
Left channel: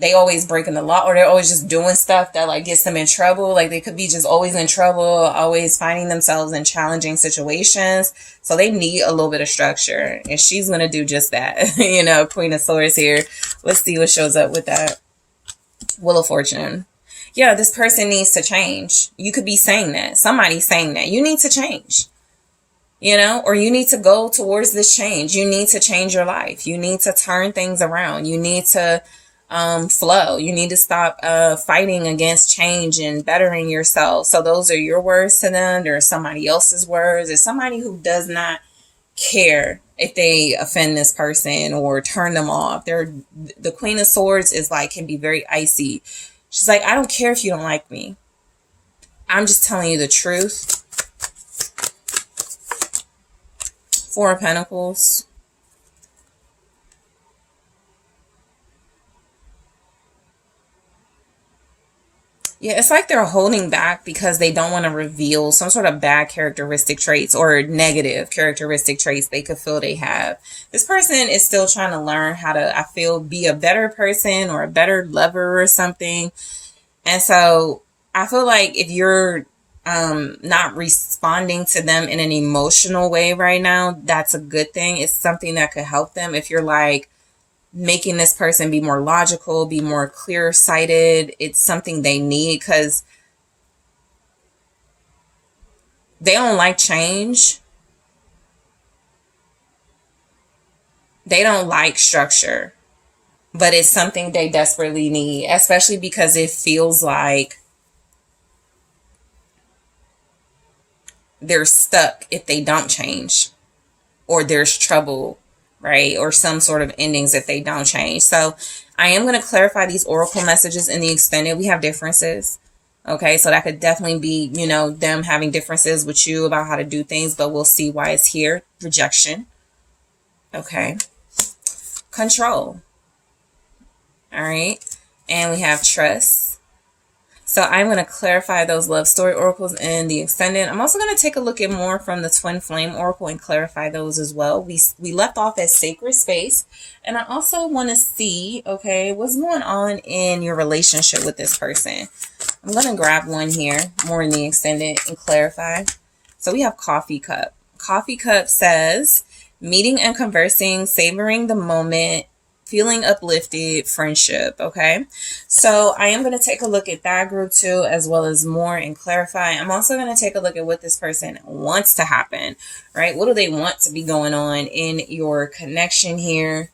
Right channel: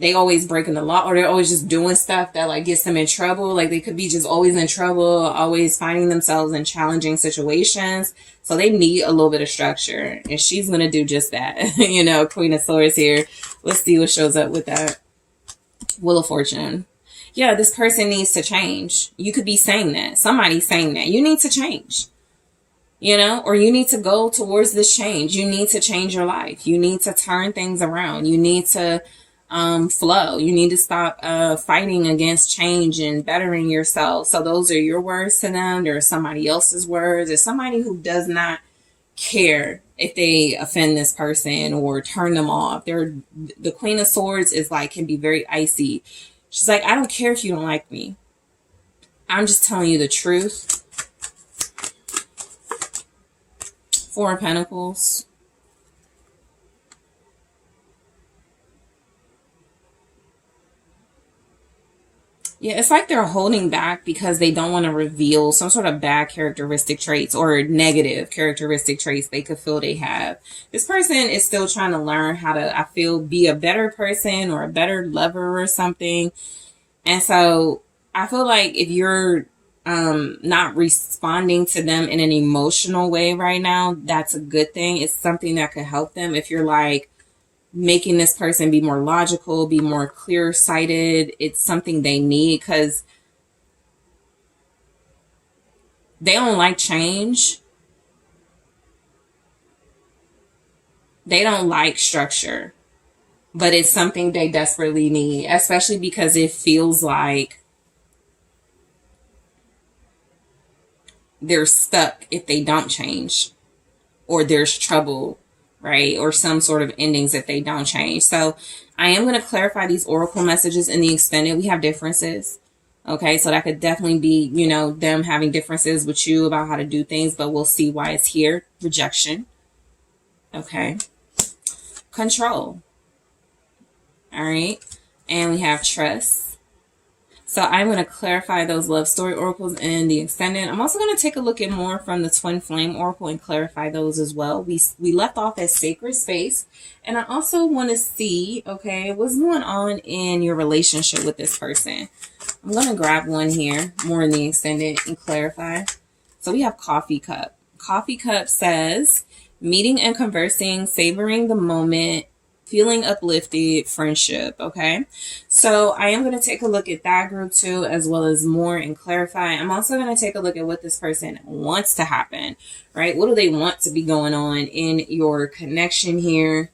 they always breaking the law or they're always just doing stuff that like gets them in trouble. Like they could be just always in trouble, always finding themselves in challenging situations. So they need a little bit of structure, and she's going to do just that. Queen of Swords here. Let's see what shows up with that. Wheel of Fortune. Yeah, this person needs to change. You could be saying that. Somebody's saying that. You need to change. Or you need to go towards this change. You need to change your life. You need to turn things around. You need to flow. You need to stop fighting against change and bettering yourself. So those are your words to them. There's somebody else's words. There's somebody who does not care if they offend this person or turn them off. The Queen of Swords is like, can be very icy. She's like, I don't care if you don't like me. I'm just telling you the truth. Four of Pentacles. Yeah, it's like they're holding back because they don't want to reveal some sort of bad characteristic traits or negative characteristic traits they could feel they have. This person is still trying to learn how to, I feel, be a better person or a better lover or something. And so I feel like if you're not responding to them in an emotional way right now, that's a good thing. It's something that could help them. If you're like, making this person be more logical, be more clear sighted. It's something they need because they don't like change. They don't like structure, but it's something they desperately need, especially because it feels like they're stuck if they don't change, or there's trouble, right? Or some sort of endings if they don't change. So I am going to clarify these oracle messages in the extended. We have differences. Okay, so that could definitely be, you know, them having differences with you about how to do things, but we'll see why it's here. Rejection. Okay. Control. All right. And we have trust. So I'm going to clarify those love story oracles in the extended. I'm also going to take a look at more from the twin flame oracle and clarify those as well. We left off at sacred space. And I also want to see, okay, what's going on in your relationship with this person. I'm going to grab one here, more in the extended, and clarify. So we have coffee cup. Coffee cup says meeting and conversing, savoring the moment, feeling uplifted, friendship. Okay, so I am going to take a look at that group too, as well as more, and clarify. I'm also going to take a look at what this person wants to happen, right? What do they want to be going on in your connection here?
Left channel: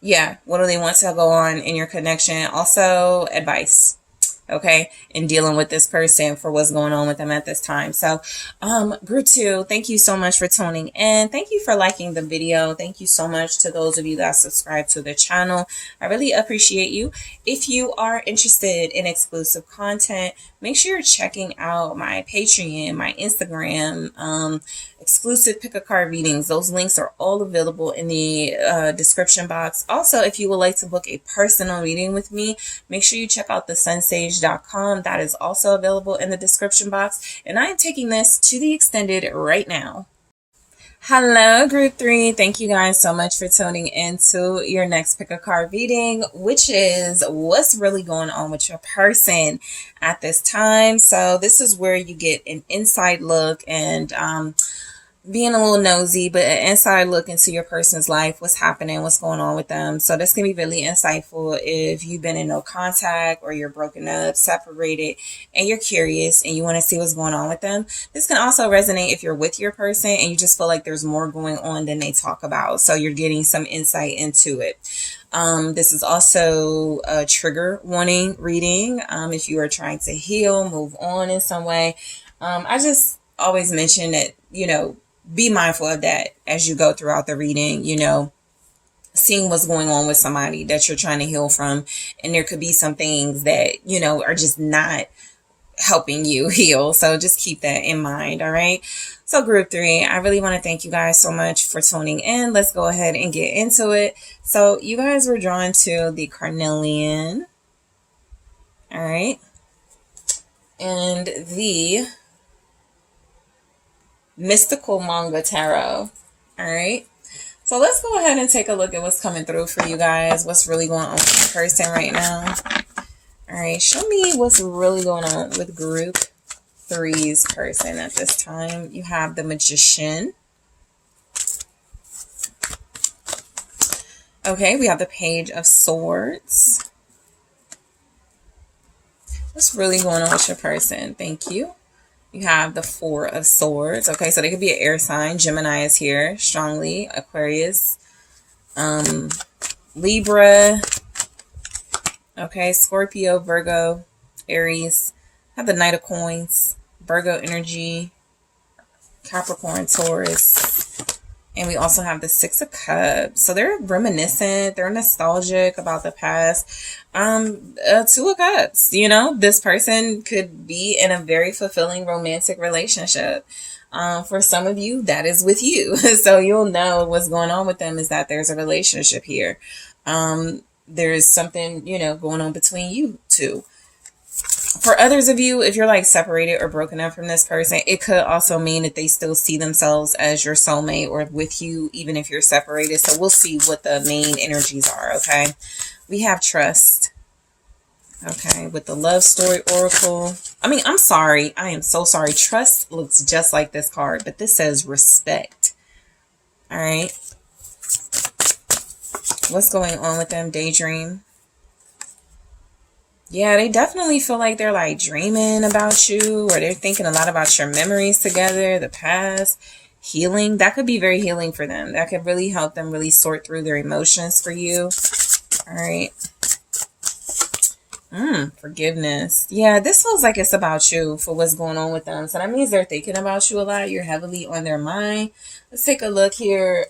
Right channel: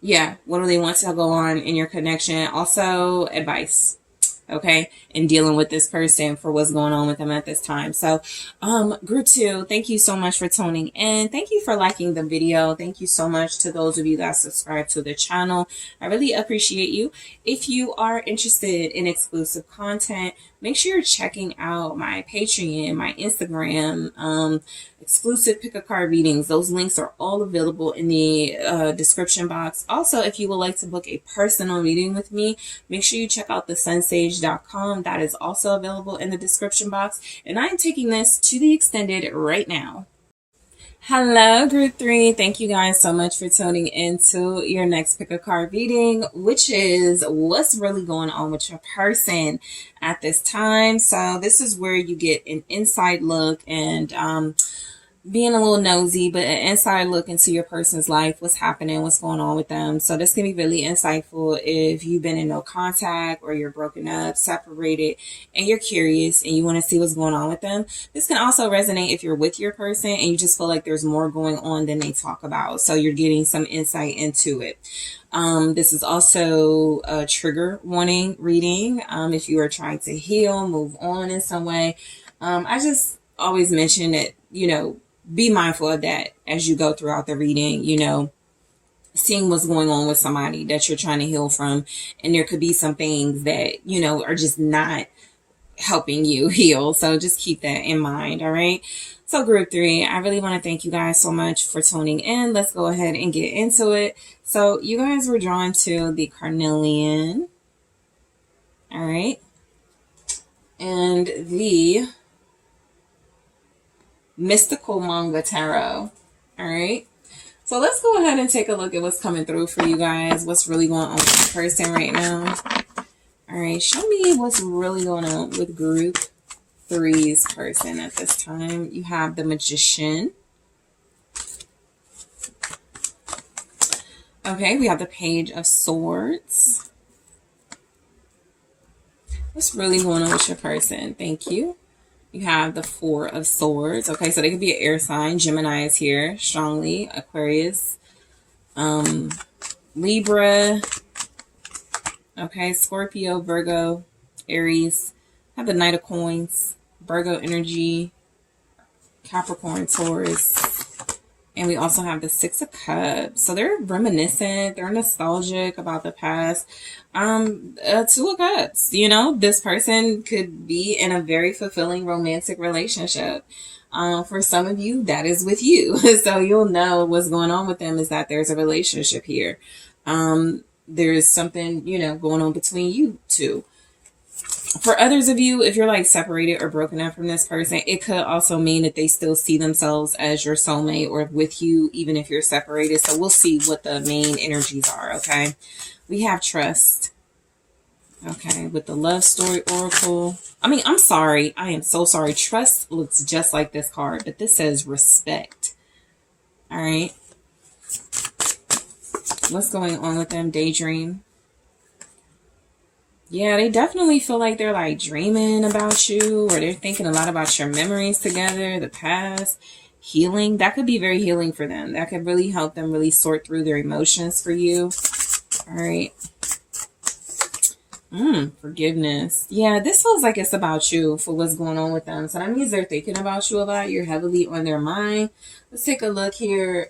Yeah, what do they want to go on in your connection? Also, advice. Okay, in dealing with this person for what's going on with them at this time. So group 2, thank you so much for tuning in. Thank you for liking the video. Thank you so much to those of you that subscribe to the channel. I really appreciate you. If you are interested in exclusive content, make sure you're checking out my Patreon, my Instagram, exclusive pick a card readings. Those links are all available in the description box. Also, if you would like to book a personal reading with me, make sure you check out TheSunSage.com. That is also available in the description box. And I am taking this to the extended right now. Hello, group 3. Thank you guys so much for tuning into your next pick a card reading, which is what's really going on with your person at this time. So this is where you get an inside look and being a little nosy, but an inside look into your person's life, what's happening, what's going on with them. So this can be really insightful if you've been in no contact or you're broken up, separated, and you're curious and you want to see what's going on with them. This can also resonate if you're with your person and you just feel like there's more going on than they talk about. So you're getting some insight into it. This is also a trigger warning reading. If you are trying to heal, move on in some way. I just always mention that, you know, be mindful of that as you go throughout the reading, you know, seeing what's going on with somebody that you're trying to heal from. And there could be some things that, you know, are just not helping you heal. So just keep that in mind. All right. So group 3, I really want to thank you guys so much for tuning in. Let's go ahead and get into it. So you guys were drawn to the Carnelian. All right. And the Mystical Manga Tarot. All right. So let's go ahead and take a look at what's coming through for you guys. What's really going on with the person right now. All right. Show me what's really going on with group 3's person at this time. You have the Magician. Okay. We have the Page of Swords. What's really going on with your person? Thank you. You have the 4 of Swords. Okay, so they could be an air sign. Gemini is here strongly. Aquarius. Libra. Okay, Scorpio, Virgo, Aries. Have the Knight of Coins. Virgo energy. Capricorn, Taurus. And we also have the 6 of Cups. So they're reminiscent. They're nostalgic about the past. 2 of Cups. You know, this person could be in a very fulfilling romantic relationship. For some of you, that is with you. So you'll know what's going on with them is that there's a relationship here. there's something, you know, going on between you two. For others of you, if you're like separated or broken up from this person, it could also mean that they still see themselves as your soulmate or with you, even if you're separated. So we'll see what the main energies are, okay? We have trust, okay, with the love story oracle. I mean, I'm sorry. I am so sorry. Trust looks just like this card, but this says respect. All right. What's going on with them? Daydream. Yeah, they definitely feel like they're like dreaming about you, or they're thinking a lot about your memories together, the past. Healing. That could be very healing for them. That could really help them really sort through their emotions for you. All right. Forgiveness. Yeah, this feels like it's about you for what's going on with them. So that means they're thinking about you a lot. You're heavily on their mind. Let's take a look here.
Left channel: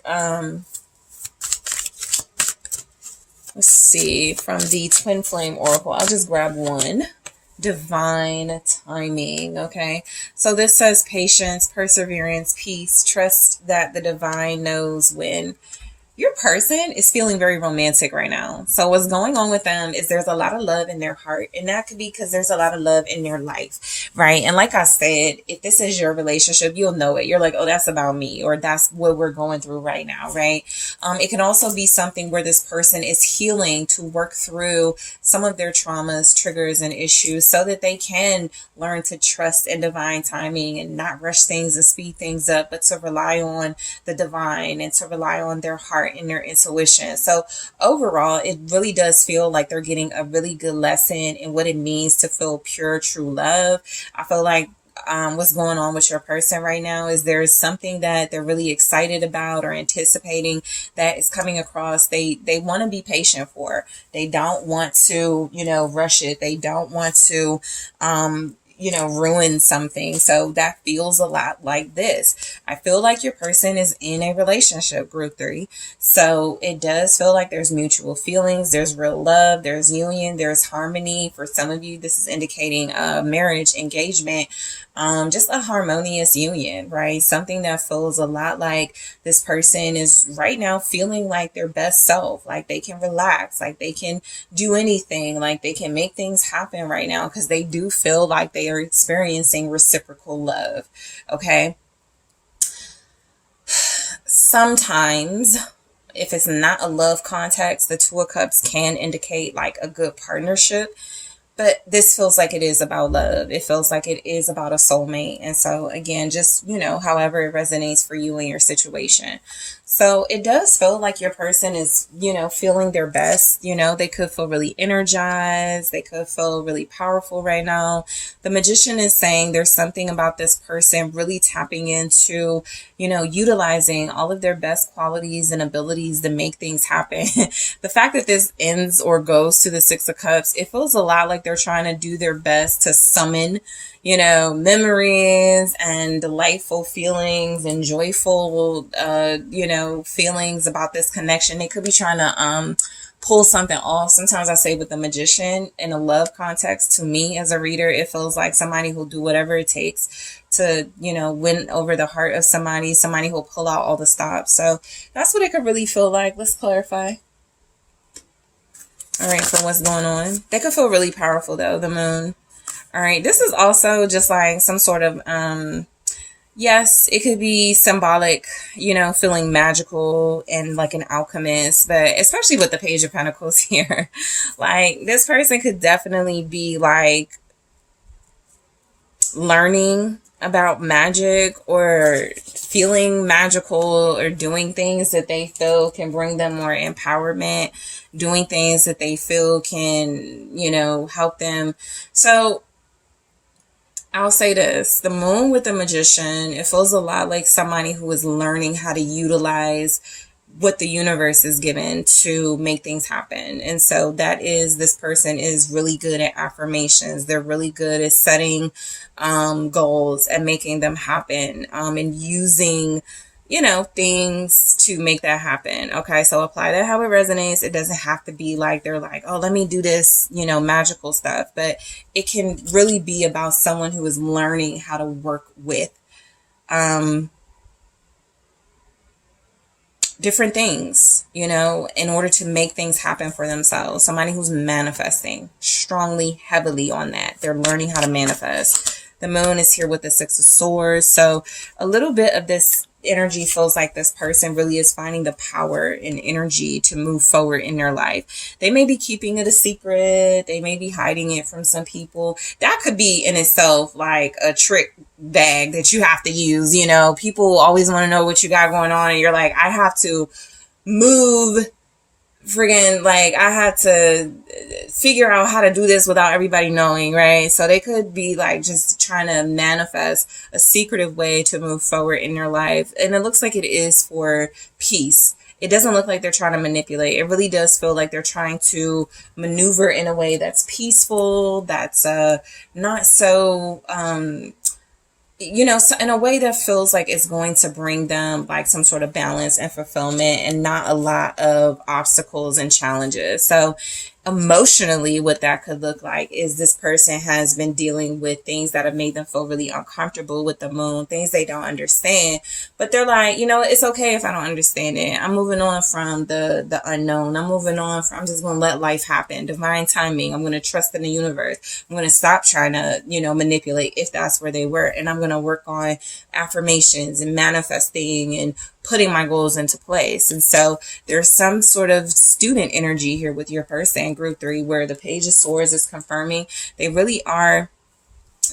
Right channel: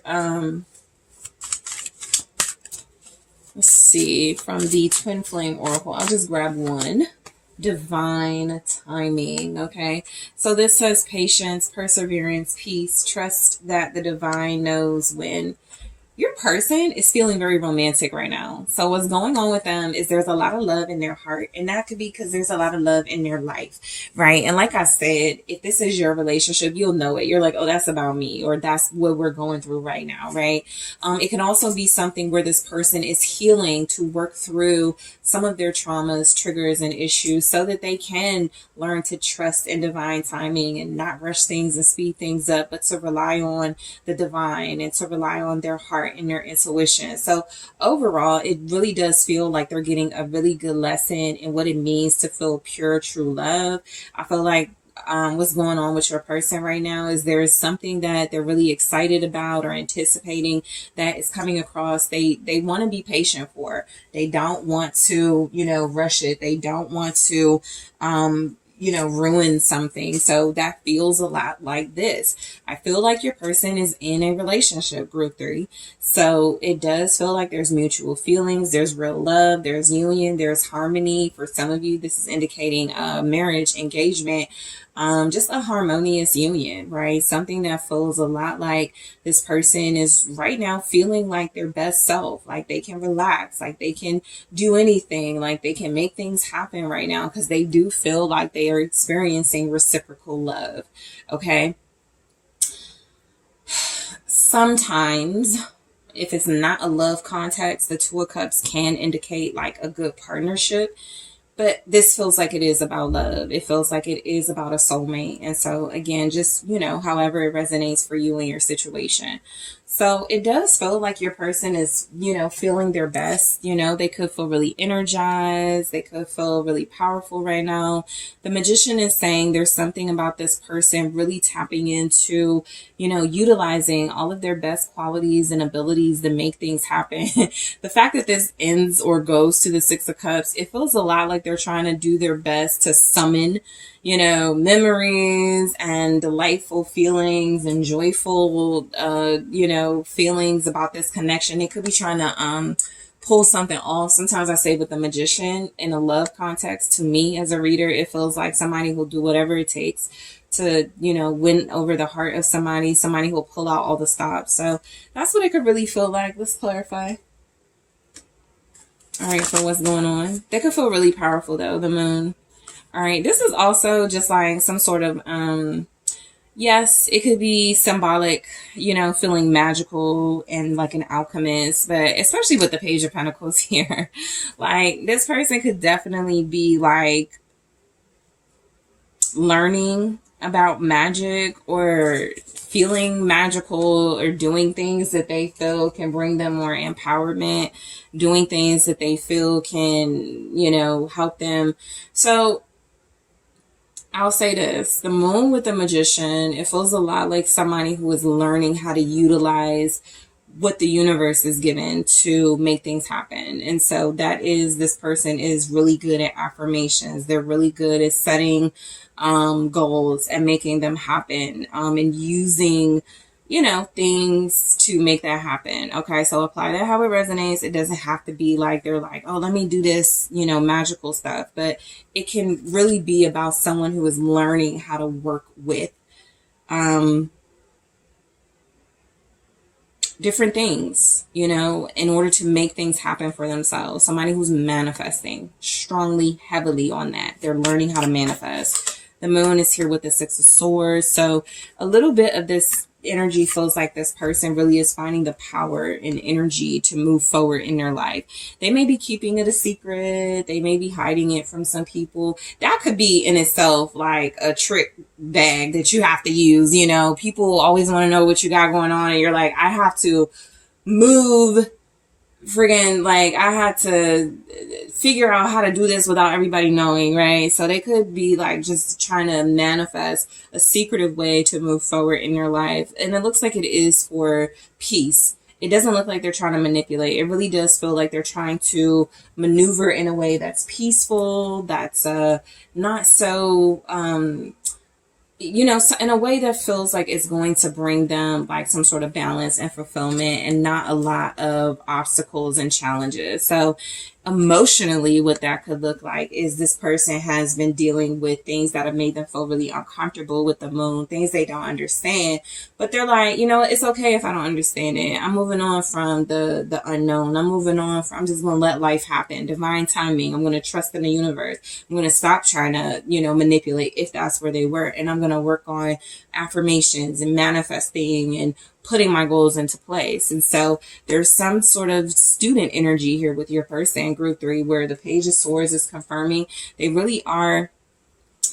Let's see, from the Twin Flame Oracle, I'll just grab one. Divine timing, okay? So this says patience, perseverance, peace, trust that the divine knows when. Your person is feeling very romantic right now. So what's going on with them is there's a lot of love in their heart. And that could be because there's a lot of love in their life, right? And like I said, if this is your relationship, you'll know it. You're like, oh, that's about me, or that's what we're going through right now, right? It can also be something where this person is healing to work through some of their traumas, triggers, and issues so that they can learn to trust in divine timing and not rush things and speed things up, but to rely on the divine and to rely on their heart and their intuition. So overall, it really does feel like they're getting a really good lesson in what it means to feel pure, true love. I feel like what's going on with your person right now is there is something that they're really excited about or anticipating that is coming across. They want to be patient for. They don't want to, you know, rush it. They don't want to you know, ruin something. So that feels a lot like this. I feel like your person is in a relationship, group 3. So it does feel like there's mutual feelings, there's real love, there's union, there's harmony. For some of you, this is indicating a marriage, engagement, just a harmonious union, right? Something that feels a lot like this person is right now feeling like their best self, like they can relax, like they can do anything, like they can make things happen right now because they do feel like they are experiencing reciprocal love, okay? Sometimes, if it's not a love context, the Two of Cups can indicate like a good partnership. But this feels like it is about love. It feels like it is about a soulmate. And so again, just, you know, however it resonates for you and your situation. So it does feel like your person is, you know, feeling their best. You know, they could feel really energized. They could feel really powerful right now. The Magician is saying there's something about this person really tapping into, you know, utilizing all of their best qualities and abilities to make things happen. The fact that this ends or goes to the Six of Cups, it feels a lot like they're trying to do their best to summon, you know, memories and delightful feelings and joyful, you know, feelings about this connection. They could be trying to pull something off. Sometimes I say with the Magician in a love context, to me as a reader, it feels like somebody who'll do whatever it takes to, you know, win over the heart of somebody who will pull out all the stops. So that's what it could really feel like. Let's clarify. All right, so what's going on? They could feel really powerful though, the Moon. All right, this is also just like some sort of, yes, it could be symbolic, you know, feeling magical and like an alchemist, but especially with the Page of Pentacles here, like this person could definitely be like learning about magic or feeling magical or doing things that they feel can bring them more empowerment, doing things that they feel can, you know, help them. So I'll say this, the Moon with the Magician, it feels a lot like somebody who is learning how to utilize what the universe is given to make things happen. And so that is, this person is really good at affirmations. They're really good at setting goals and making them happen, and using, you know, things to make that happen. Okay, so apply that how it resonates. It doesn't have to be like they're like, oh, let me do this, you know, magical stuff, but it can really be about someone who is learning how to work with different things, you know, in order to make things happen for themselves. Somebody who's manifesting strongly, heavily on that. They're learning how to manifest. The moon is here with the Six of Swords. So a little bit of this energy feels like this person really is finding the power and energy to move forward in their life. They may be keeping it a secret. They may be hiding it from some people. That could be in itself like a trick bag that you have to use. You know, people always want to know what you got going on, and you're like, I have to move friggin', like, I had to figure out how to do this without everybody knowing, right? So they could be like just trying to manifest a secretive way to move forward in your life. And it looks like it is for peace. It doesn't look like they're trying to manipulate. It really does feel like they're trying to maneuver in a way that's peaceful, that's not so you know, so in a way that feels like it's going to bring them like some sort of balance and fulfillment and not a lot of obstacles and challenges. So emotionally, what that could look like is this person has been dealing with things that have made them feel really uncomfortable with the moon, things they don't understand, but they're like, you know, it's okay if I don't understand it. I'm moving on from the unknown. I'm moving on from, I'm just going to let life happen. Divine timing. I'm going to trust in the universe. I'm going to stop trying to, you know, manipulate if that's where they were. And I'm going to work on affirmations and manifesting and putting my goals into place. And so there's some sort of student energy here with your person, group 3, where the Page of Swords is confirming they really are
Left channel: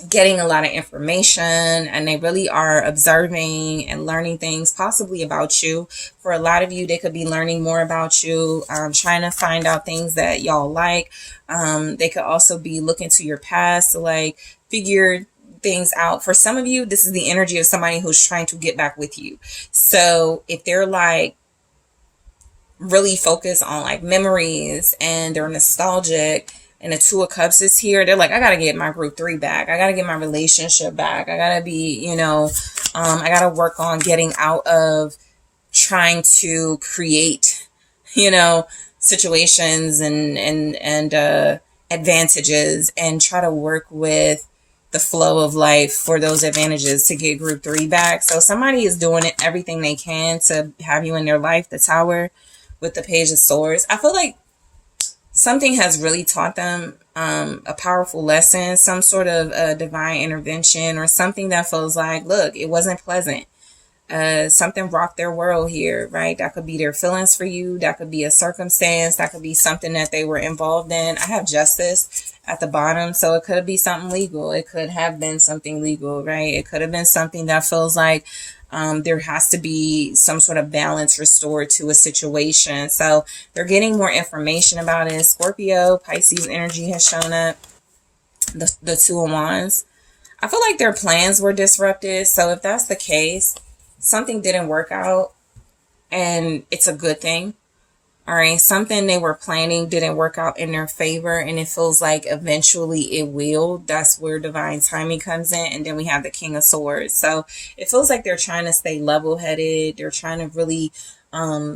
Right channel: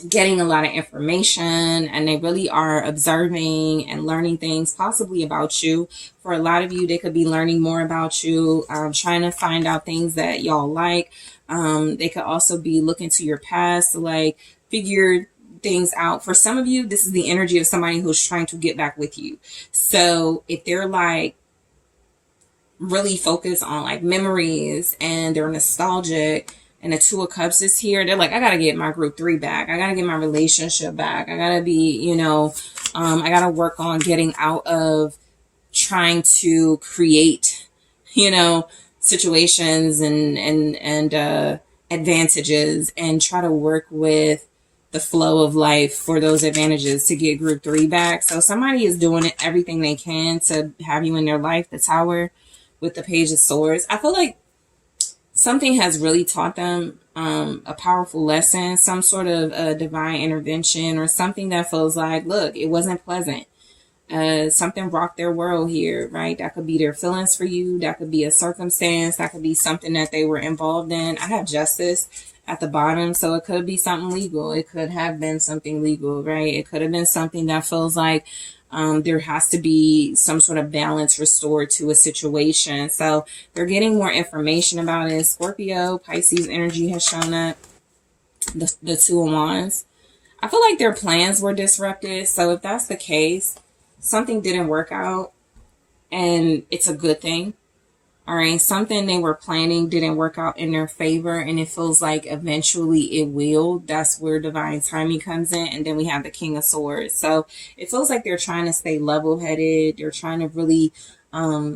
getting a lot of information and they really are observing and learning things possibly about you. For a lot of you, they could be learning more about you, trying to find out things that y'all like. They could also be looking to your past to like figure things out. For some of you, this is the energy of somebody who's trying to get back with you. So if they're like really focused on like memories and they're nostalgic, and the Two of Cups is here, they're like, I gotta get my group 3 back. I gotta get my relationship back. I gotta be, you know, I gotta work on getting out of trying to create, you know, situations and advantages, and try to work with the flow of life for those advantages to get group 3 back. So somebody is doing it, everything they can to have you in their life. The Tower with the Page of Swords. I feel like something has really taught them a powerful lesson, some sort of divine intervention, or something that feels like, look, it wasn't pleasant. Something rocked their world here, right? That could be their feelings for you. That could be a circumstance. That could be something that they were involved in. I have Justice at the bottom, so it could be something legal. It could have been something legal, right? It could have been something that feels like there has to be some sort of balance restored to a situation. So they're getting more information about it. Scorpio, Pisces energy has shown up. The Two of Wands. I feel like their plans were disrupted. So if that's the case, something didn't work out and it's a good thing. All right. Something they were planning didn't work out in their favor, and it feels like eventually it will. That's where divine timing comes in. And then we have the King of Swords. So it feels like they're trying to stay level-headed. They're trying to really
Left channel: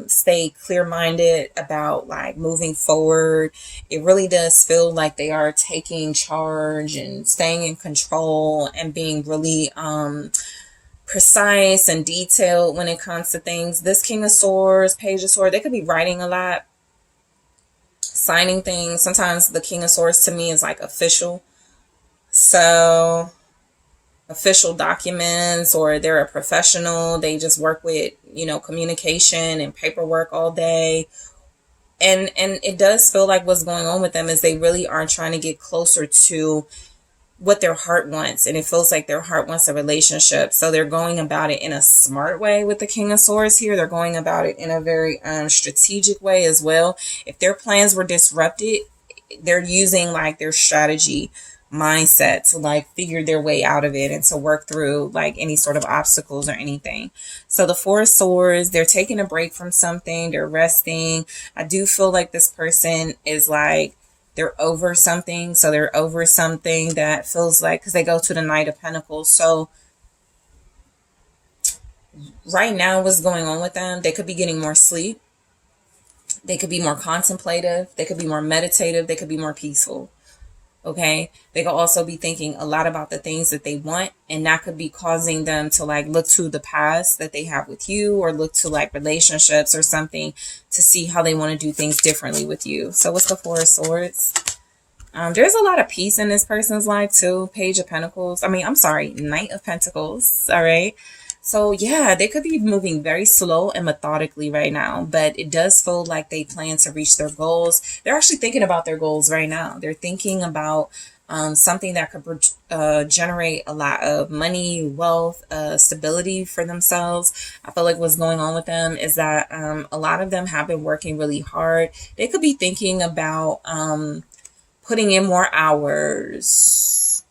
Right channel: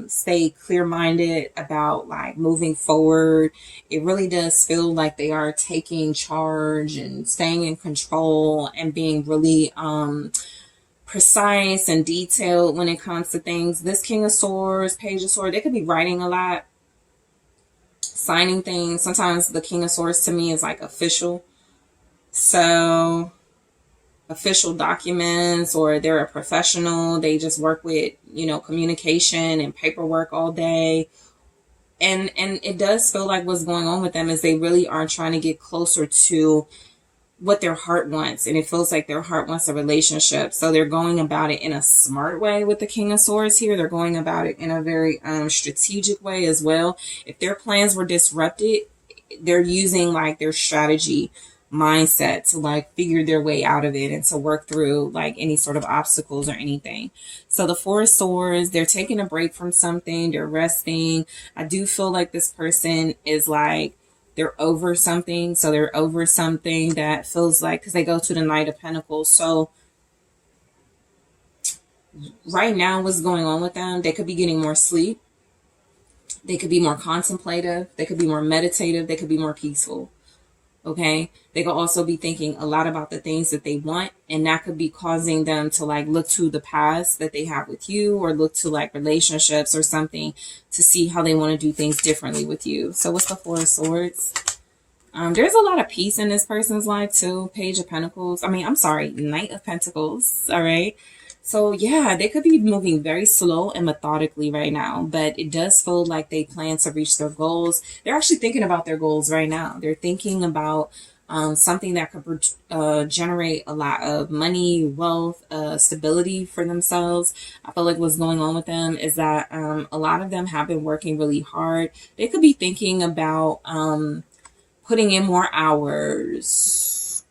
stay clear-minded about like moving forward. It really does feel like they are taking charge and staying in control and being really precise and detailed when it comes to things. This King of Swords, Page of Swords, they could be writing a lot, signing things. Sometimes the King of Swords to me is like official. So official documents, or they're a professional. They just work with, you know, communication and paperwork all day. And it does feel like what's going on with them is they really are trying to get closer to what their heart wants, and it feels like their heart wants a relationship. So they're going about it in a smart way with the King of Swords here. They're going about it in a very strategic way as well. If their plans were disrupted, they're using like their strategy mindset to like figure their way out of it and to work through like any sort of obstacles or anything. So the Four of Swords, they're taking a break from something, they're resting. I do feel like this person is like, they're over something. So they're over something that feels like, because they go to the Knight of Pentacles. So right now, what's going on with them? They could be getting more sleep. They could be more contemplative. They could be more meditative. They could be more peaceful. Okay. They could also be thinking a lot about the things that they want, and that could be causing them to like look to the past that they have with you, or look to like relationships or something to see how they want to do things differently with you. So what's the Four of Swords? There's a lot of peace in this person's life too. Page of Pentacles. I'm sorry, Knight of Pentacles. All right. So yeah, they could be moving very slow and methodically right now, but it does feel like they plan to reach their goals. They're actually thinking about their goals right now. They're thinking about something that could generate a lot of money, wealth, stability for themselves. I feel like what's going on with them is that a lot of them have been working really hard. They could be thinking about putting in more hours.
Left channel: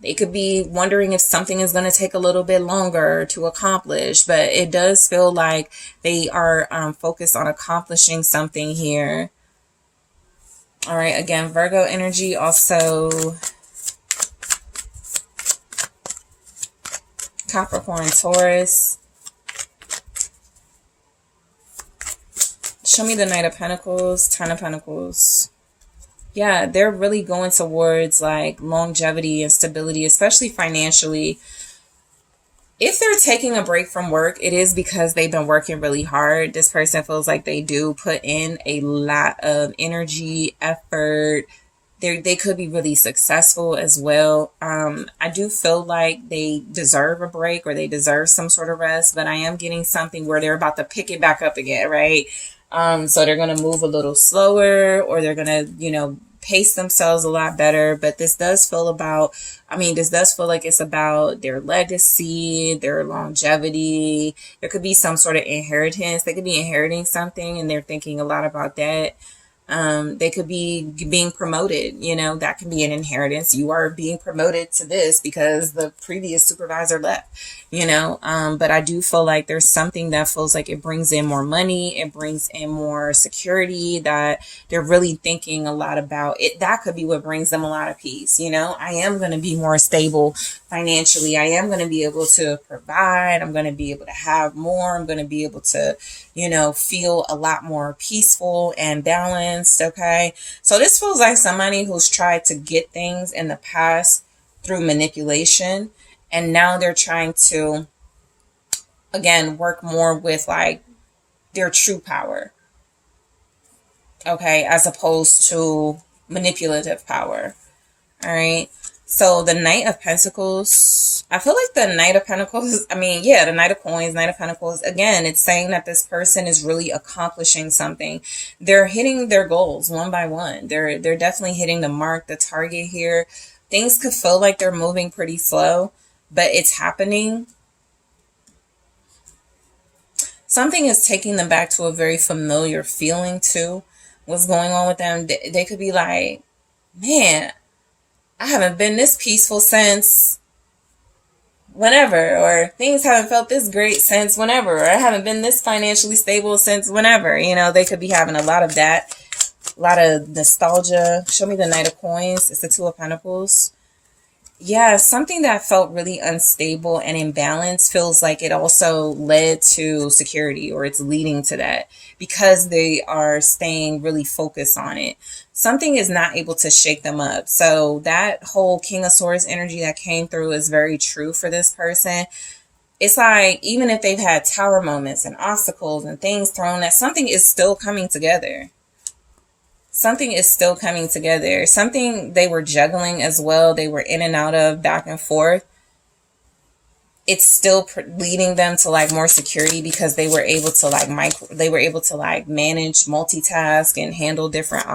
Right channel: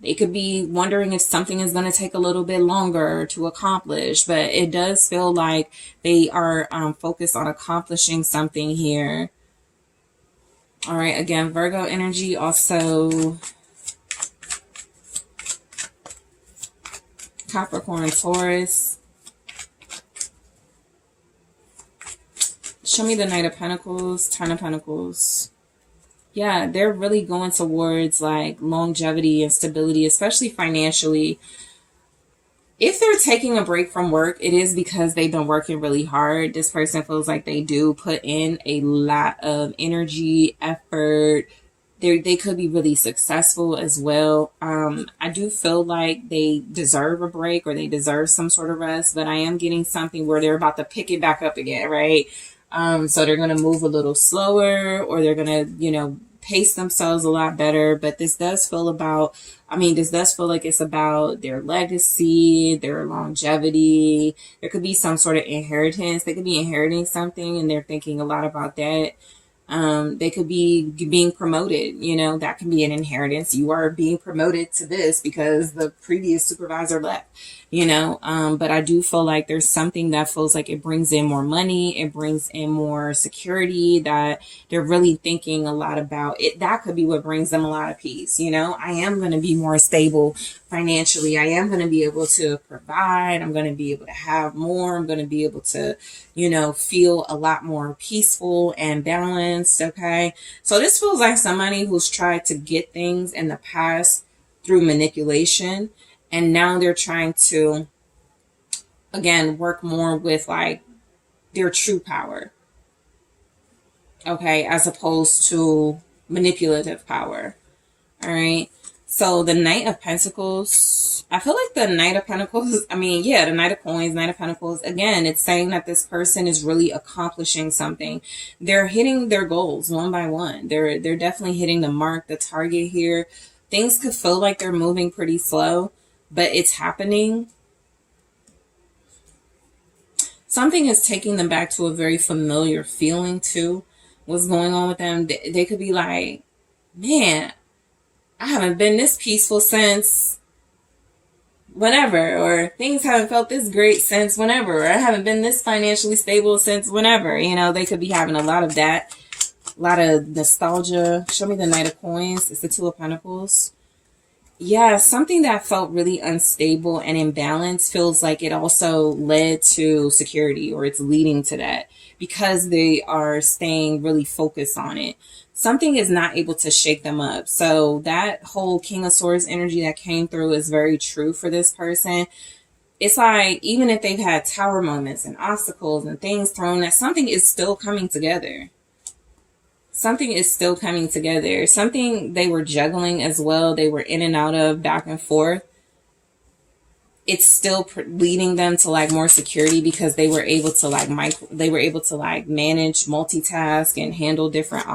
They could be wondering if something is going to take a little bit longer to accomplish, but it does feel like they are focused on accomplishing something here. All right, again, Virgo energy, also Capricorn, Taurus. Show me the Knight of Pentacles, Ten of Pentacles. Yeah, they're really going towards like longevity and stability, especially financially. If they're taking a break from work, it is because they've been working really hard. This person feels like they do put in a lot of energy, effort. They could be really successful as well. I do feel like they deserve a break, or they deserve some sort of rest, but I am getting something where they're about to pick it back up again, right? So they're going to move a little slower, or they're going to, pace themselves a lot better. But this does feel like it's about their legacy, their longevity. There could be some sort of inheritance. They could be inheriting something, and they're thinking a lot about that. They could be being promoted, that can be an inheritance. You are being promoted to this because the previous supervisor left, but I do feel like there's something that feels like it brings in more money. It brings in more security, that they're really thinking a lot about it. That could be what brings them a lot of peace. I am going to be more stable financially. I am going to be able to provide. I'm going to be able to have more. I'm going to be able to, feel a lot more peaceful and balanced. Okay. So this feels like somebody who's tried to get things in the past through manipulation. And now they're trying to, again, work more with like their true power. Okay. As opposed to manipulative power. All right. So the Knight of Pentacles, I feel like the Knight of Pentacles, the Knight of Coins, Knight of Pentacles, again, it's saying that this person is really accomplishing something. They're hitting their goals one by one. They're definitely hitting the mark, the target here. Things could feel like they're moving pretty slow, but it's happening. Something is taking them back to a very familiar feeling too. What's going on with them? They could be like, man, I haven't been this peaceful since whenever, or things haven't felt this great since whenever, or I haven't been this financially stable since whenever. They could be having a lot of that, a lot of nostalgia. Show me the Knight of Coins. It's the Two of Pentacles. Yeah, something that felt really unstable and imbalanced feels like it also led to security, or it's leading to that because they are staying really focused on it. Something is not able to shake them up. So that whole King of Swords energy that came through is very true for this person. It's like, even if they've had tower moments and obstacles and things thrown at, something is still coming together. Something is still coming together. Something they were juggling as well. They were in and out of, back and forth. It's still leading them to like more security because they were able to like manage, multitask, and handle different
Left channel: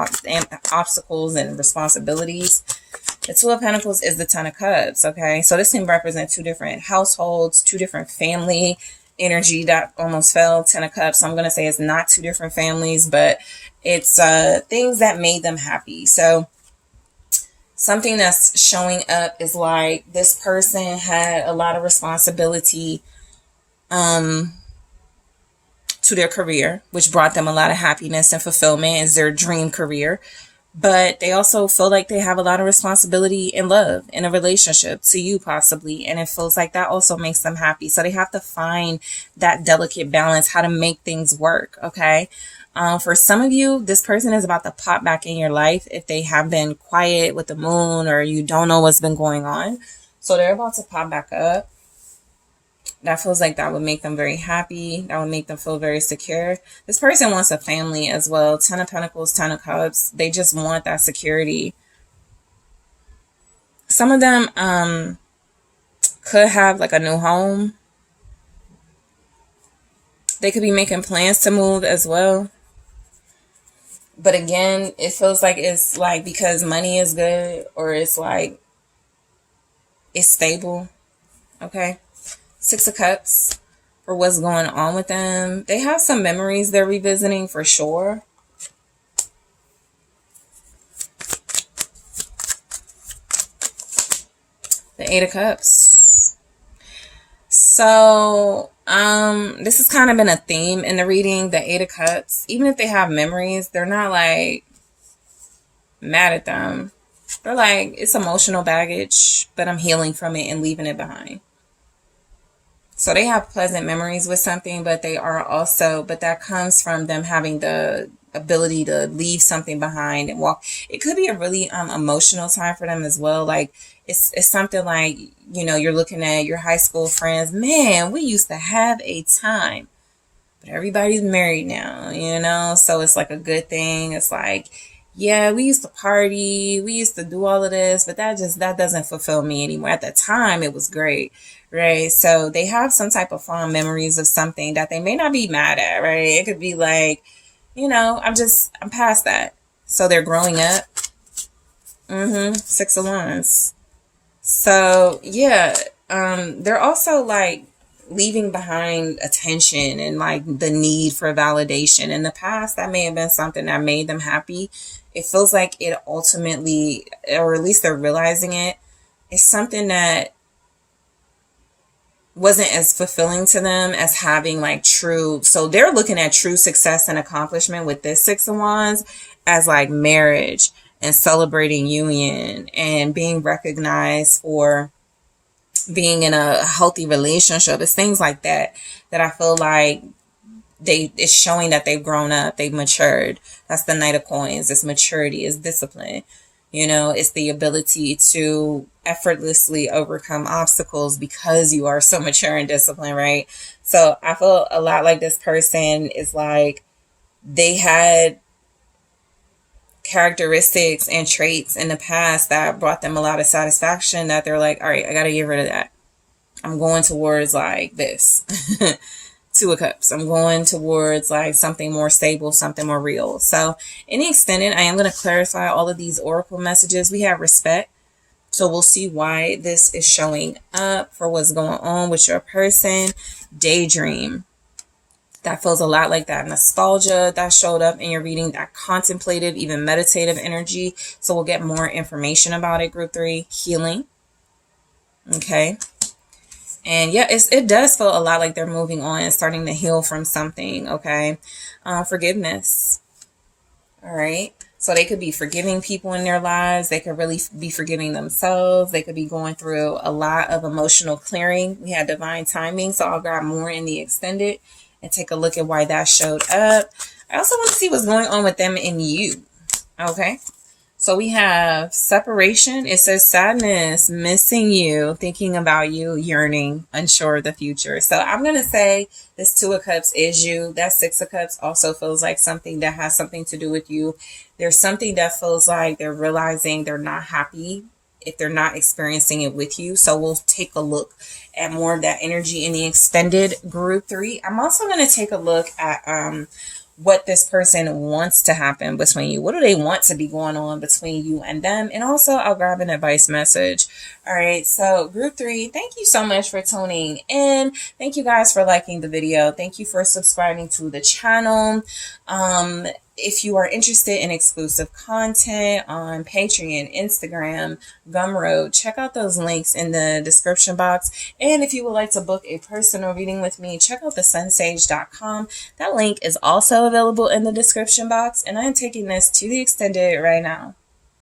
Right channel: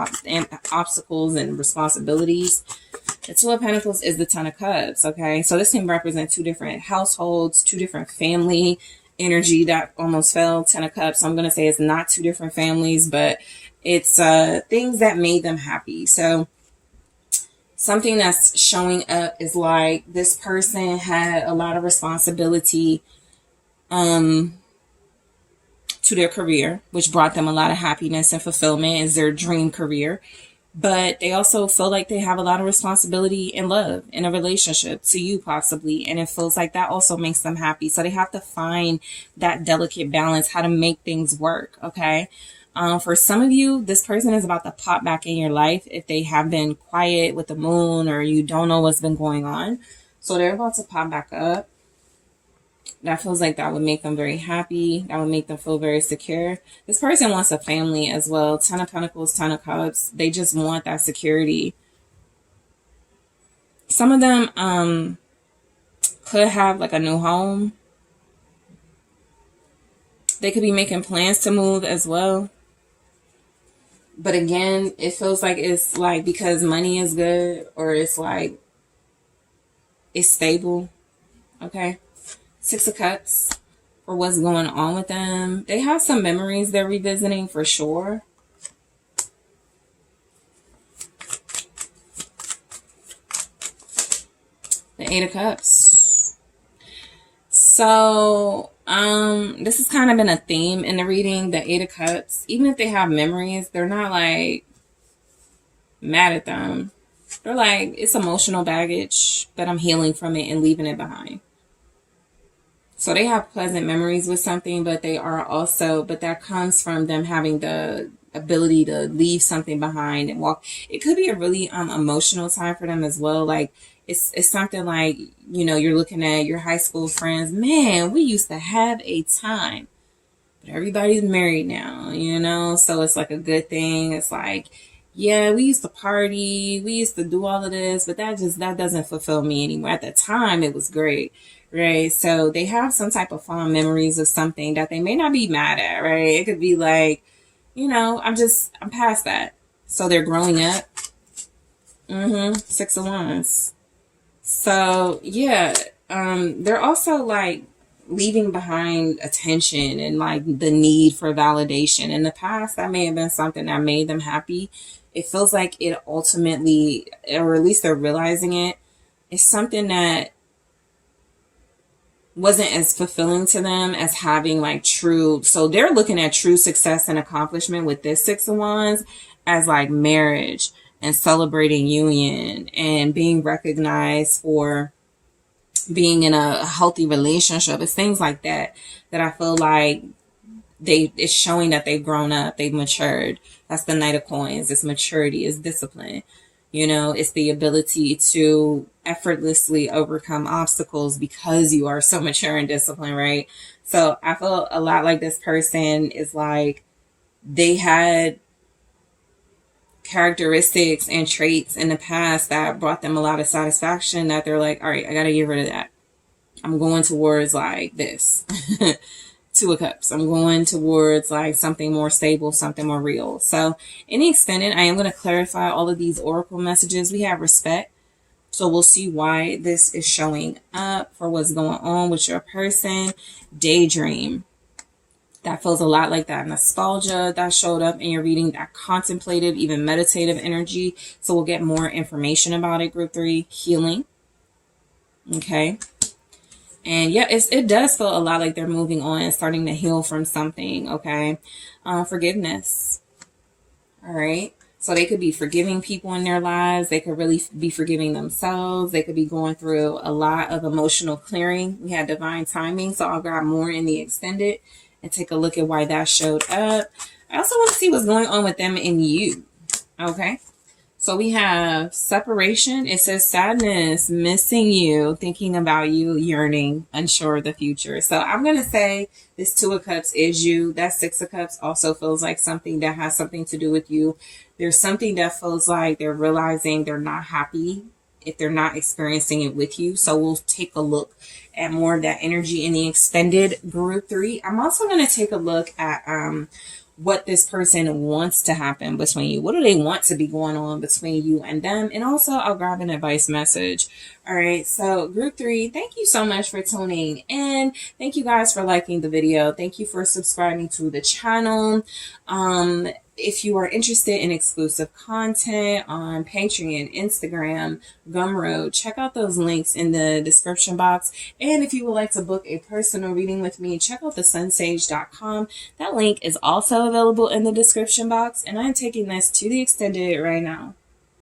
obstacles and responsibilities. The Two of Pentacles is the Ten of Cups. Okay, so this can represent two different households, two different family energy that almost fell. Ten of Cups. I'm gonna say it's not two different families, but it's things that made them happy. So something that's showing up is like this person had a lot of responsibility to their career, which brought them a lot of happiness and fulfillment as their dream career. But they also feel like they have a lot of responsibility in love, in a relationship, to you possibly. And it feels like that also makes them happy. So they have to find that delicate balance, how to make things work. Okay. For some of you, this person is about to pop back in your life if they have been quiet with the moon or you don't know what's been going on. So they're about to pop back up. That feels like that would make them very happy. That would make them feel very secure. This person wants a family as well. 10 of Pentacles, 10 of Cups. They just want that security. Some of them could have like a new home. They could be making plans to move as well. But again, it feels like it's like because money is good or it's like it's stable. Okay. 6 of Cups for what's going on with them. They have some memories they're revisiting for sure. The 8 of Cups. So, this has kind of been a theme in the reading, the 8 of Cups. Even if they have memories, they're not like mad at them. They're like, it's emotional baggage, but I'm healing from it and leaving it behind. So they have pleasant memories with something, but they are also, but that comes from them having the ability to leave something behind and walk. It could be a really emotional time for them as well. Like it's something like, you know, you're looking at your high school friends. Man, we used to have a time, but everybody's married now, you know? So it's like a good thing. It's like, yeah, we used to party. We used to do all of this, but that doesn't fulfill me anymore. At the time, it was great, right? So they have some type of fond memories of something that they may not be mad at, right? It could be like, you know, I'm past that. So they're growing up. 6 of Wands. So yeah, they're also like leaving behind attention and like the need for validation. In the past, that may have been something that made them happy. It feels like it ultimately, or at least they're realizing it, is something that wasn't as fulfilling to them as having like true. So they're looking at true success and accomplishment with this 6 of Wands as like marriage and celebrating union and being recognized for being in a healthy relationship. It's things like that that I feel like it's showing that they've grown up, they've matured. That's the Knight of Coins. It's maturity, it's discipline. You know, it's the ability to effortlessly overcome obstacles because you are so mature and disciplined, right? So I feel a lot like this person is like they had characteristics and traits in the past that brought them a lot of satisfaction that they're like, all right, I got to get rid of that. I'm going towards like this. 2 of Cups. I'm going towards like something more stable, something more real. So in the extended, I am going to clarify all of these oracle messages. We have respect. So we'll see why this is showing up for what's going on with your person. Daydream. That feels a lot like that nostalgia that showed up in your reading, that contemplative, even meditative energy. So we'll get more information about it. Group 3, healing. Okay. And yeah, it does feel a lot like they're moving on and starting to heal from something, okay? Forgiveness, all right? So they could be forgiving people in their lives. They could really be forgiving themselves. They could be going through a lot of emotional clearing. We had divine timing, so I'll grab more in the extended and take a look at why that showed up. I also want to see what's going on with them and you, okay? So we have separation. It says sadness, missing you, thinking about you, yearning, unsure of the future. So I'm going to say this 2 of Cups is you. That 6 of Cups also feels like something that has something to do with you. There's something that feels like they're realizing they're not happy if they're not experiencing it with you. So we'll take a look at more of that energy in the extended group 3. I'm also going to take a look at what this person wants to happen between you. What do they want to be going on between you and them? And also I'll grab an advice message. All right. So group 3, thank you so much for tuning in. Thank you guys for liking the video. Thank you for subscribing to the channel. If you are interested in exclusive content on Patreon, Instagram, Gumroad, check out those links in the description box. And if you would like to book a personal reading with me, check out TheSunSage.com. That link is also available in the description box. And I'm taking this to the extended right now.